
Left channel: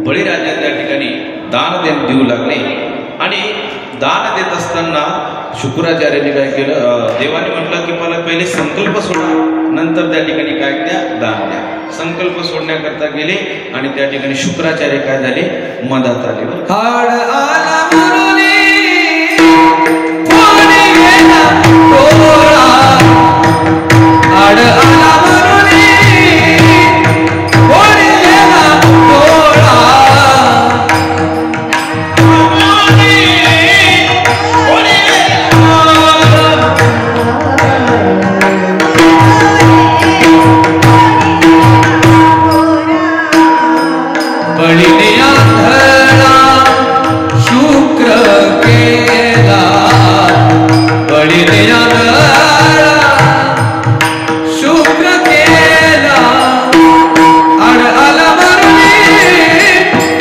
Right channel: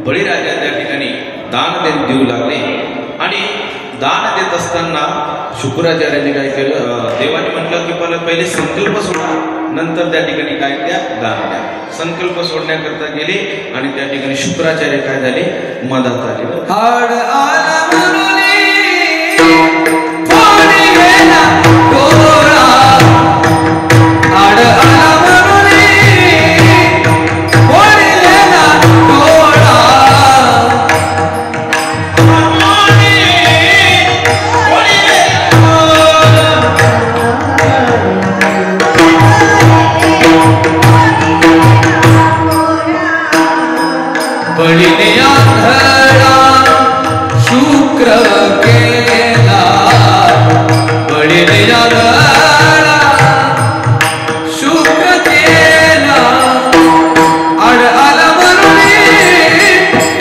बळीराजा त्या ठिकाणी दान देऊ लागले आणि दान देत असताना शुक्राचार्यांनी काय केलं, देवाने म्हटलं की मला पहिले संकल्प सोडा, नंतर त्या ठिकाणी काय द्या, दान द्या. संकल्प सोडण्याकरता गेले आणि त्या ठिकाणी शुक्राचार्य काय झाले, मधात आले. हाड आला मुरुली कोणी गेला डोरा, हाड आला मुरुली कोणी गेला डोरा, बळीने आंधळा शुक्र केला, बळीने आंधळा शुक्र केला, आड आला मरुनी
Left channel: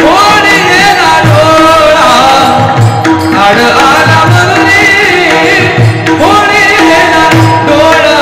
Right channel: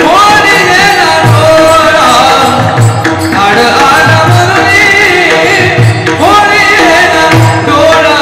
कोणी गेला डोळा, आड आला मरुनी कोणी गेला डोळा,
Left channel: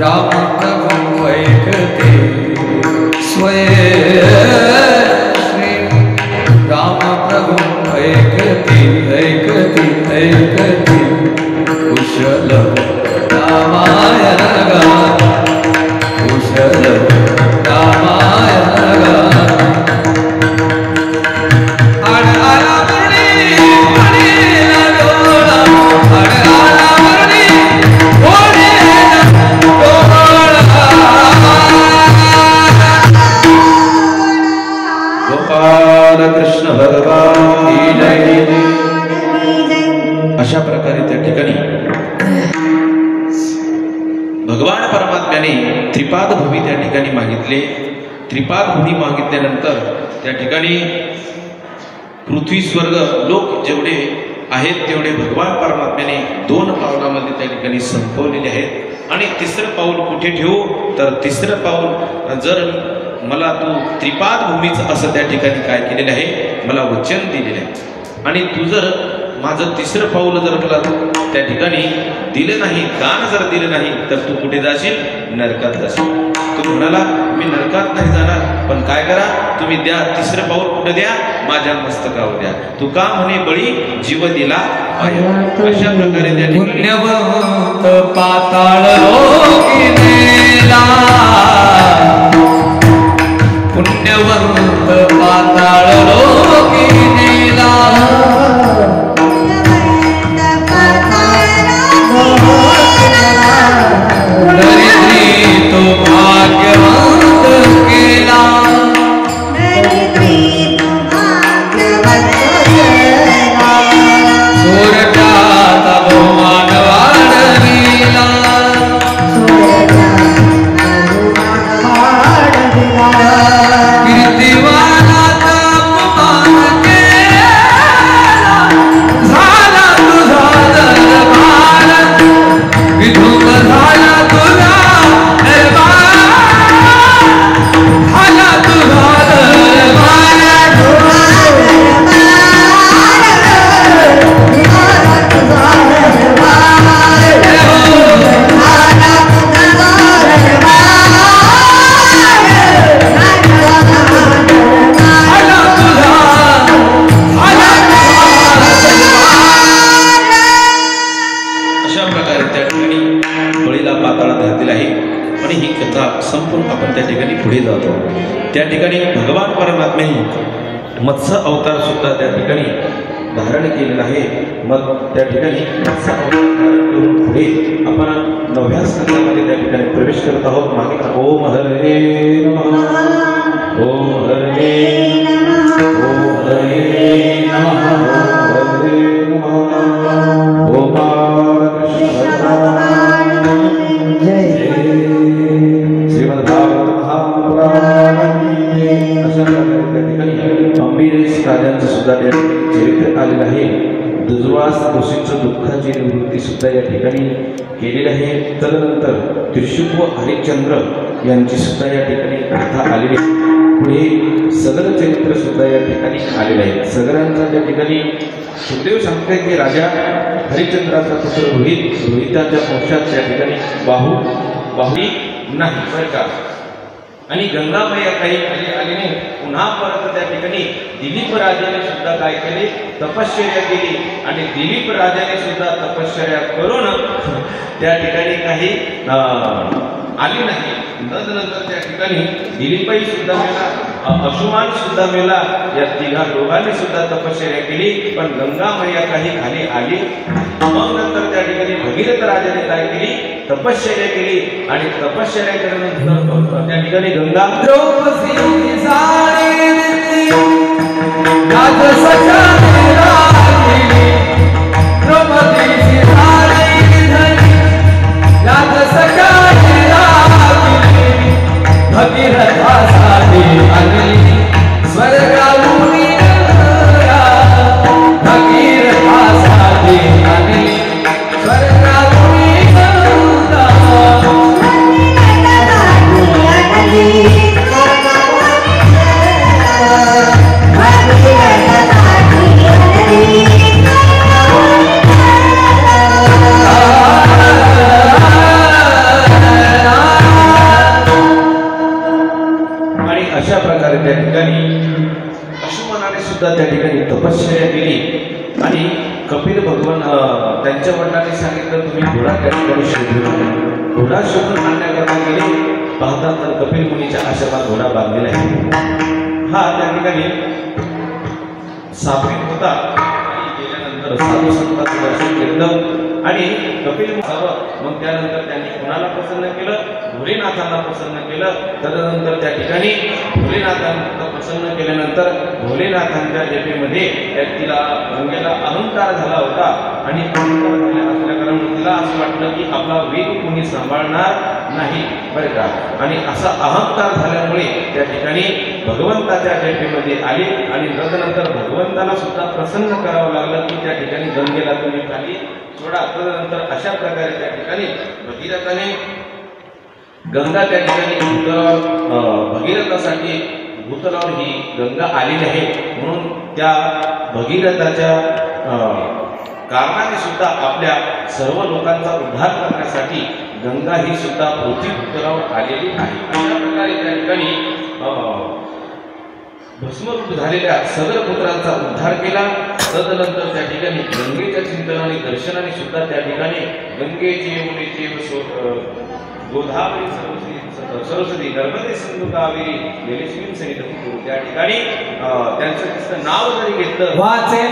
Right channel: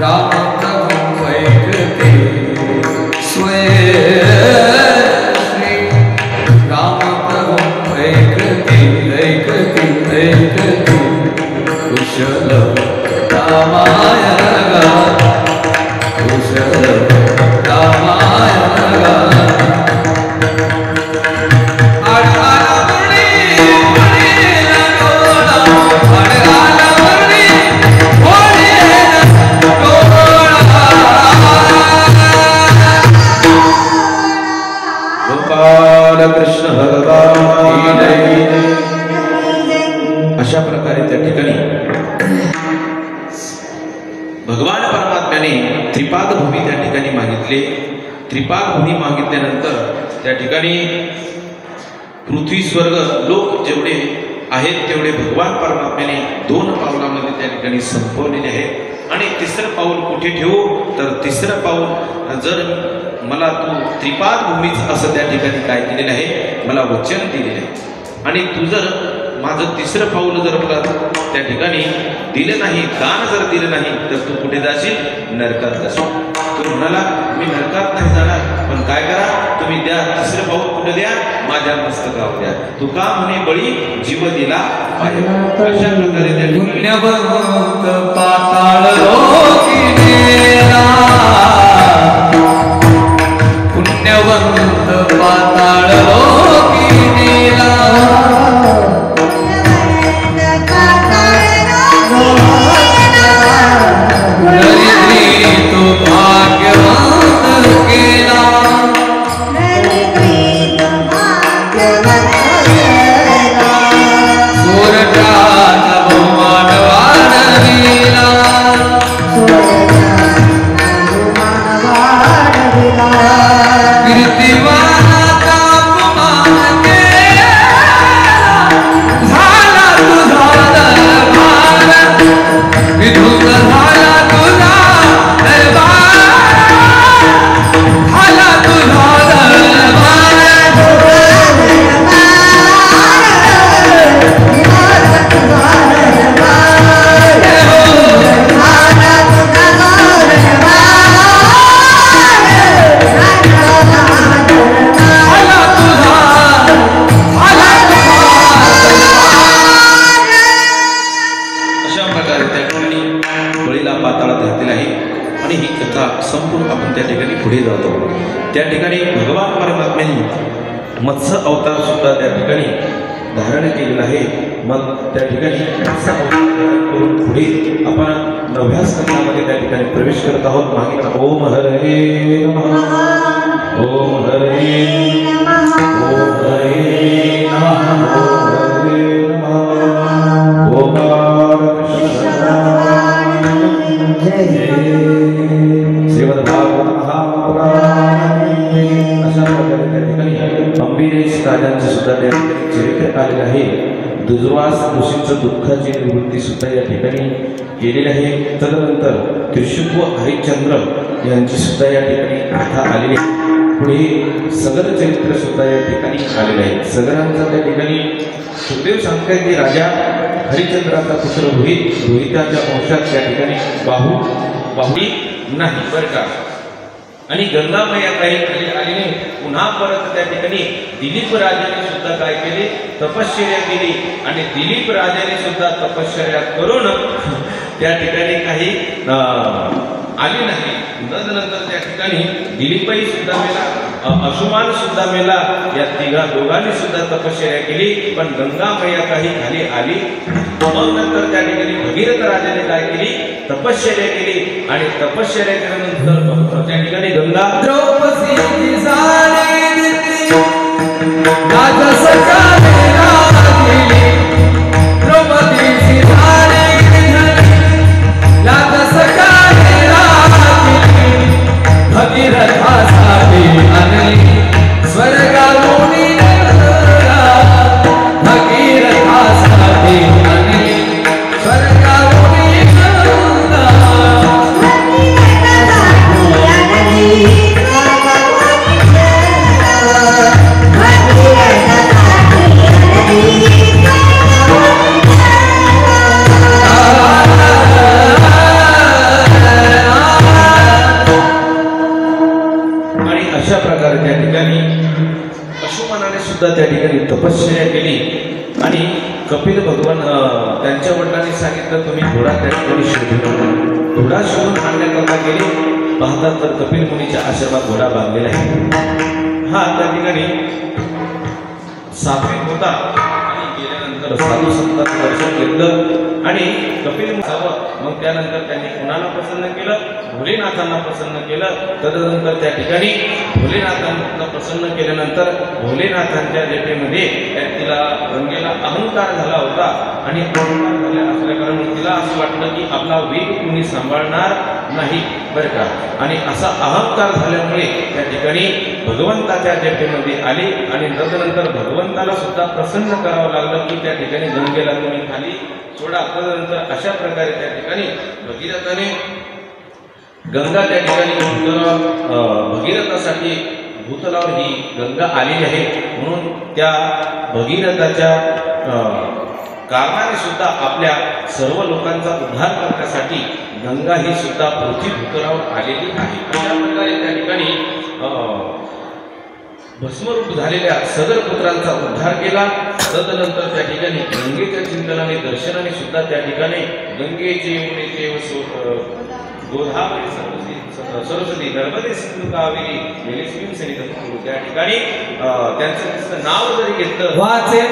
राम प्रभु ऐकते स्वयं श्री राम प्रभु ऐकते ऐकते ऐकते कुशल रामायण गात कुशल रामायण गात कृष्ण भगवान अशा प्रकारे त्या ठिकाणी भगवान परमात्म्याने त्रिपाद भूमी त्या ठिकाणी मागितले. त्रिपाद भूमी मागितल्यानंतर त्या ठिकाणी पृथ्वी स्वर्ग लोक जेवढे आहेत तेवढे भगवान परमात्म्याने 2 पावलामध्ये त्या ठिकाणी संपवलेले आहेत. आणि तिसरं पाऊल कुठे ठेवू तर तिसरं पाऊल जर मला तू त्रिपाद भूमीच असं त्या ठिकाणी काय केलेलं आहे मला वचन दिलेलं आहे. आणि तू जर माझं तिसरं पाऊल जर मला त्या ठिकाणी दिलं नाही दान जर दिलं नाही तर तू कुठे जाशील नरकात जाशील. तू म्हणाला मी नरकात नाही जाणार पण काय करा तुम्ही द्या तिसरं पाऊल कुठे द्या माझ्या मस्तकावर द्या. तू का म्हणे बळी जीव दिला अशा प्रकारे त्या पुण्यवंत पाताळ लोकी मेला पुण्यवंत पाताळ लोकी मेला दरिद्री तो भाग्यवंत केला सोरटाचा बहुमान वाढविला कीर्तिवानाचा अपमान केला झाला तुझा दरबार विधुक झाला तुझा दरबार झाला तुझा अशा प्रकारे त्या ठिकाणी बळीला पाताळात घातलेला आहे. आणि ही कथा संपूर्ण आपण त्या ठिकाणी पुढे जातो. त्या ठिकाणी भगवान परमात्म्याने मत्स्य अवतार सुद्धा त्या ठिकाणी धारण केलेला आहे. मग त्या ठिकाणी मत्स्य अवतार करून पुढे आपण 9व्या स्कंदामध्ये त्या ठिकाणी प्रवेश करत आहोत. मागे ओम हरे नमः ओम हरे ओम हरे नमः चरित्र आलेलं आहे. दुर्वास ऋषींचं दुःखाची निवृत्ती सुद्धा या ठिकाणी केलेली आहे. तदनंतर त्रिशुभ हरिश्चंद्र यांची सुद्धा या ठिकाणी गाथा आलेली आहे. पुढे सगर चरित्र सुद्धा या ठिकाणी आलेलं आहे. सगरांचा त्या ठिकाणी सुखदेव सांगताय की राजा हरिश्चंद्राचा पुत्र रोहिताच्या वंशात त्या ठिकाणी बाहुली नाही बरं का. आणि गंगामया काही आली नाही. पुन्हा परत त्या ठिकाणी दिलीप राजाने सुद्धा काय केले तपश्चर्या केली. आणि दिलीप राजाने सुद्धा तपश्चर्या करून त्या ठिकाणी काही आली नाही. नंतर त्या ठिकाणी दिलीपही सुद्धा मेला अशुमान सुद्धा मेला. या तिघा दोघांनी सुद्धा तपश्चर्या केली पण गंगामया काही खाली आली. मग नंतर त्या ठिकाणी भगीरथ राजाने काय केली तपश्चर्या केली. आणि तपश्चर्या केल्यानंतर त्या ठिकाणी गंगा द्रौपदी सारी Thank you. घोडा शोधून आणण्याकरता गेले. पाहतात तर कपिल मुनीच्या आश्रमात घोडा बांधलेला आहे. हा त्या ठिकाणी सात्विक होता. गेल्यानंतर साधू संतांचं दर्शन घेतलं आणि कपिल मग त्यानंतर त्यांनी कोणाला प्रसन्न केलं? भोलेनाथांना प्रसन्न केलं. तदनंतर त्या ठिकाणी भोलेनाथांना प्रसन्न केल्यानंतर भोलेनाथांच्या जटेमध्ये तिला गंगेला अहंकार झाला होता आणि अहंकार झाला असल्याकारण तिला असं वाटलं की आपला वेग कोणी सांभाळणार नाही बरं का. आणि असा अहंकार झाल्यामुळे त्या ठिकाणी भगवंताच्या जटेमध्ये आली आणि तदनंतर भगवंताला सुद्धा प्रसन्न करावं लागलं की त्या ठिकाणी गंगेला तुम्ही खाली सोडा. तदनंतर अशा प्रकारे त्या ठिकाणी भगीरथाने गंगा त्या ठिकाणी भगीरथासाठी भूतलावर ही गंगा आलेली आहे. म्हणून त्या भगीरथाच्या कारणाने सुद्धा आपल्या सर्व लोकांचा उद्धार करण्यासाठी गंगा ही सुद्धा पृथ्वी भूतलावर आलेली आहे. अशा प्रकारे त्या ठिकाणी भस्मरूप झालेल्या सदर पुत्रांचा उद्धार केला. तदनंतर त्या ठिकाणी गंगेच्या चिंतनाने दर्शनाने सुद्धा त्या ठिकाणी गंगेचे यमुनेचे गोदावरी सरस्वती नर्मदे सिंधू कावेरी जलेस्मिन् सन्निधिं त्या ठिकाणी त्यांचं नाव जरी घेतलं वाचे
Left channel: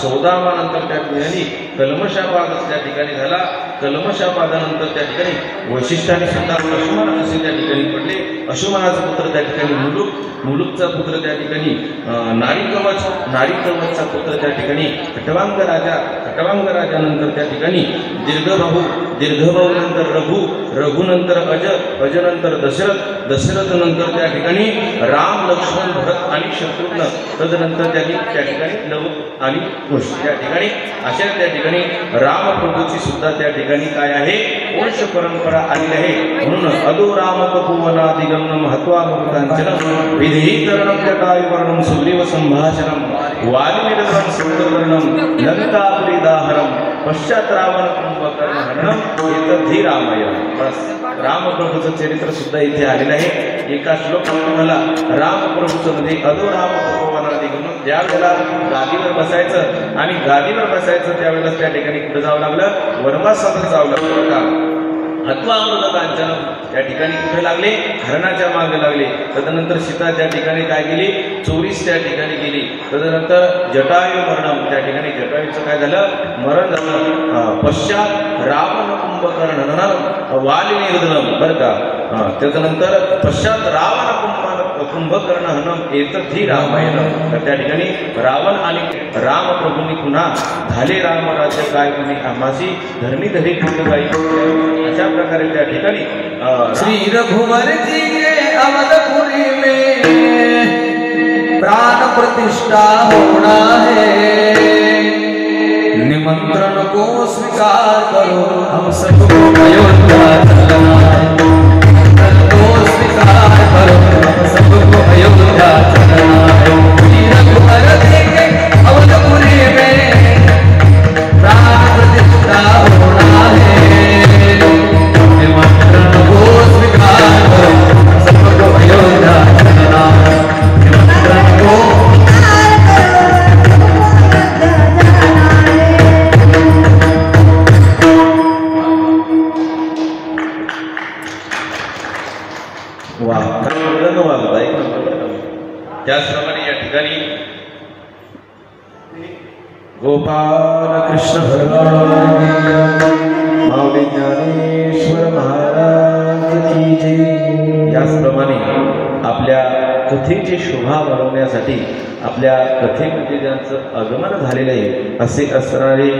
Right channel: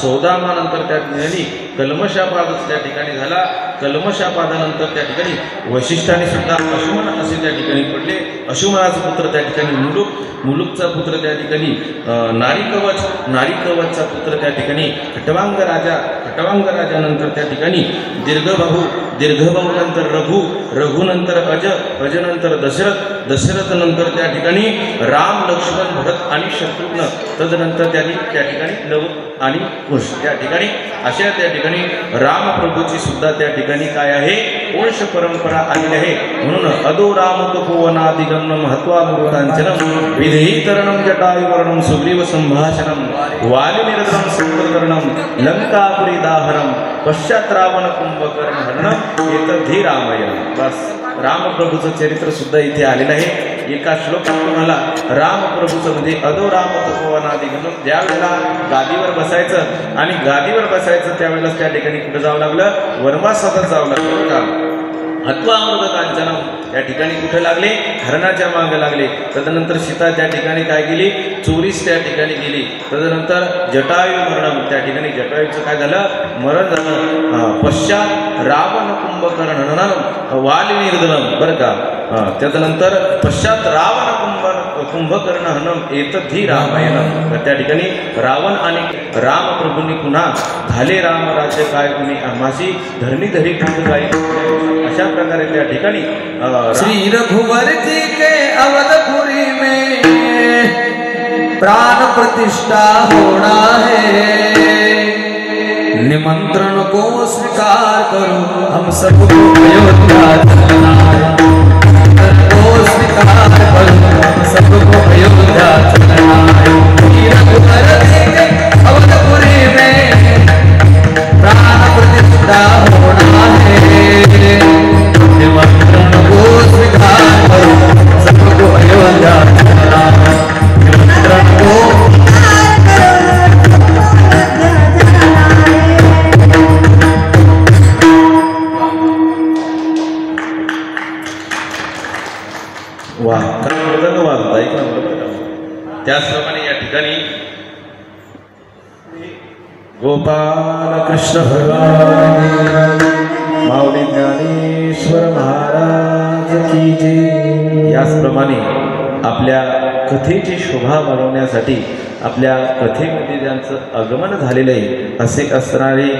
सौदामानंतर त्या ठिकाणी कल्मशापाद त्या ठिकाणी झाला. कल्मशापादानंतर त्या ठिकाणी वैशिष्ट्याने सुद्धा अशुमन असे त्या ठिकाणी पडले. अशुमनाचा पुत्र त्या ठिकाणी मुलुकचा पुत्र त्या ठिकाणी नारीकवचचा पुत्र त्या ठिकाणी खटवांग राजानंतर त्या ठिकाणी दीर्घभाऊ नंतर रघुनंतर अजनंतर दशरथ नंतर त्या ठिकाणी राम लक्ष्मण भरत आणि शत्रुघ्न तदनंतर त्या ठिकाणी लव आणि कुश त्या ठिकाणी अशा त्या ठिकाणी रामप्रभूची सुद्धा त्या ठिकाणी काय आहे वंश परंपरा आलेली आहे. म्हणून अदो राम तपोवनादिगमनं महत्वानुवर्तनचनं विधेयीतरणं जटायुवर्णं सुग्रीव संभाषणं वालिनिरसनं संकर्णं लंकापुरीदाहरं पश्चात रावण कुंभकर्ण हरणं एतद्धि रामायण. बस रामप्रभूचं चरित्र सुद्धा इथे आलेलं आहे. एका श्लोकात तुम्हाला रामप्रभूचं म्हणजे अदो राम तपोवनादिगमनं ज्या वेळेला गादीवर बसायचं आणि गादीवर बसायचं त्यावेळेला त्या ठिकाणी कुठे जावं लागलं वनवासातच जावं लागलं. हत्वामृत कांचन त्या ठिकाणी कुठे लागले हरणाच्या मागे लागले. तदनंतर सीता त्या ठिकाणी काय केली चोरीस त्या ठिकाणी गेली. तदनंतर जटायू मरण त्या ठिकाणी जटायूचं काय झालं मरण झालं. पश्चात रावण कुंभकर्ण हननं वालिनिर्दनं बरं का. त्यानंतर पश्चात रावण कुंभकर्ण हनम एतद्धि रामायण. त्या ठिकाणी रावण आणि रामप्रभूंनी पुन्हा झाले राम राज्य काय कुणी आम्हासी धरणी धरी ठेवून जाईल. अशा प्रकारे त्या ठिकाणी श्री रघुवर जी के अवधपुरी में प्राण प्रतिष्ठा होना है. निमंत्रण को स्वीकार करो हम सबको अयोध्या चलना है। निमंत्रण को स्वीकार करो हम सबको अयोध्या चलना है। रघुवर देंगे अवधपुरी में प्राण प्रतिष्ठा होना है। निमंत्रण को स्वीकार करो हम सबको अयोध्या चलना है। निमंत्रण को त्याचप्रमाणे या ठिकाणी गोपाल कृष्ण भगवान माऊली ज्ञानेश्वर महाराज की जय। याचप्रमाणे आपल्या कथेची शोभा बनवण्यासाठी आपल्या कथेमध्ये ज्यांचं आगमन झालेलं आहे असे असणारे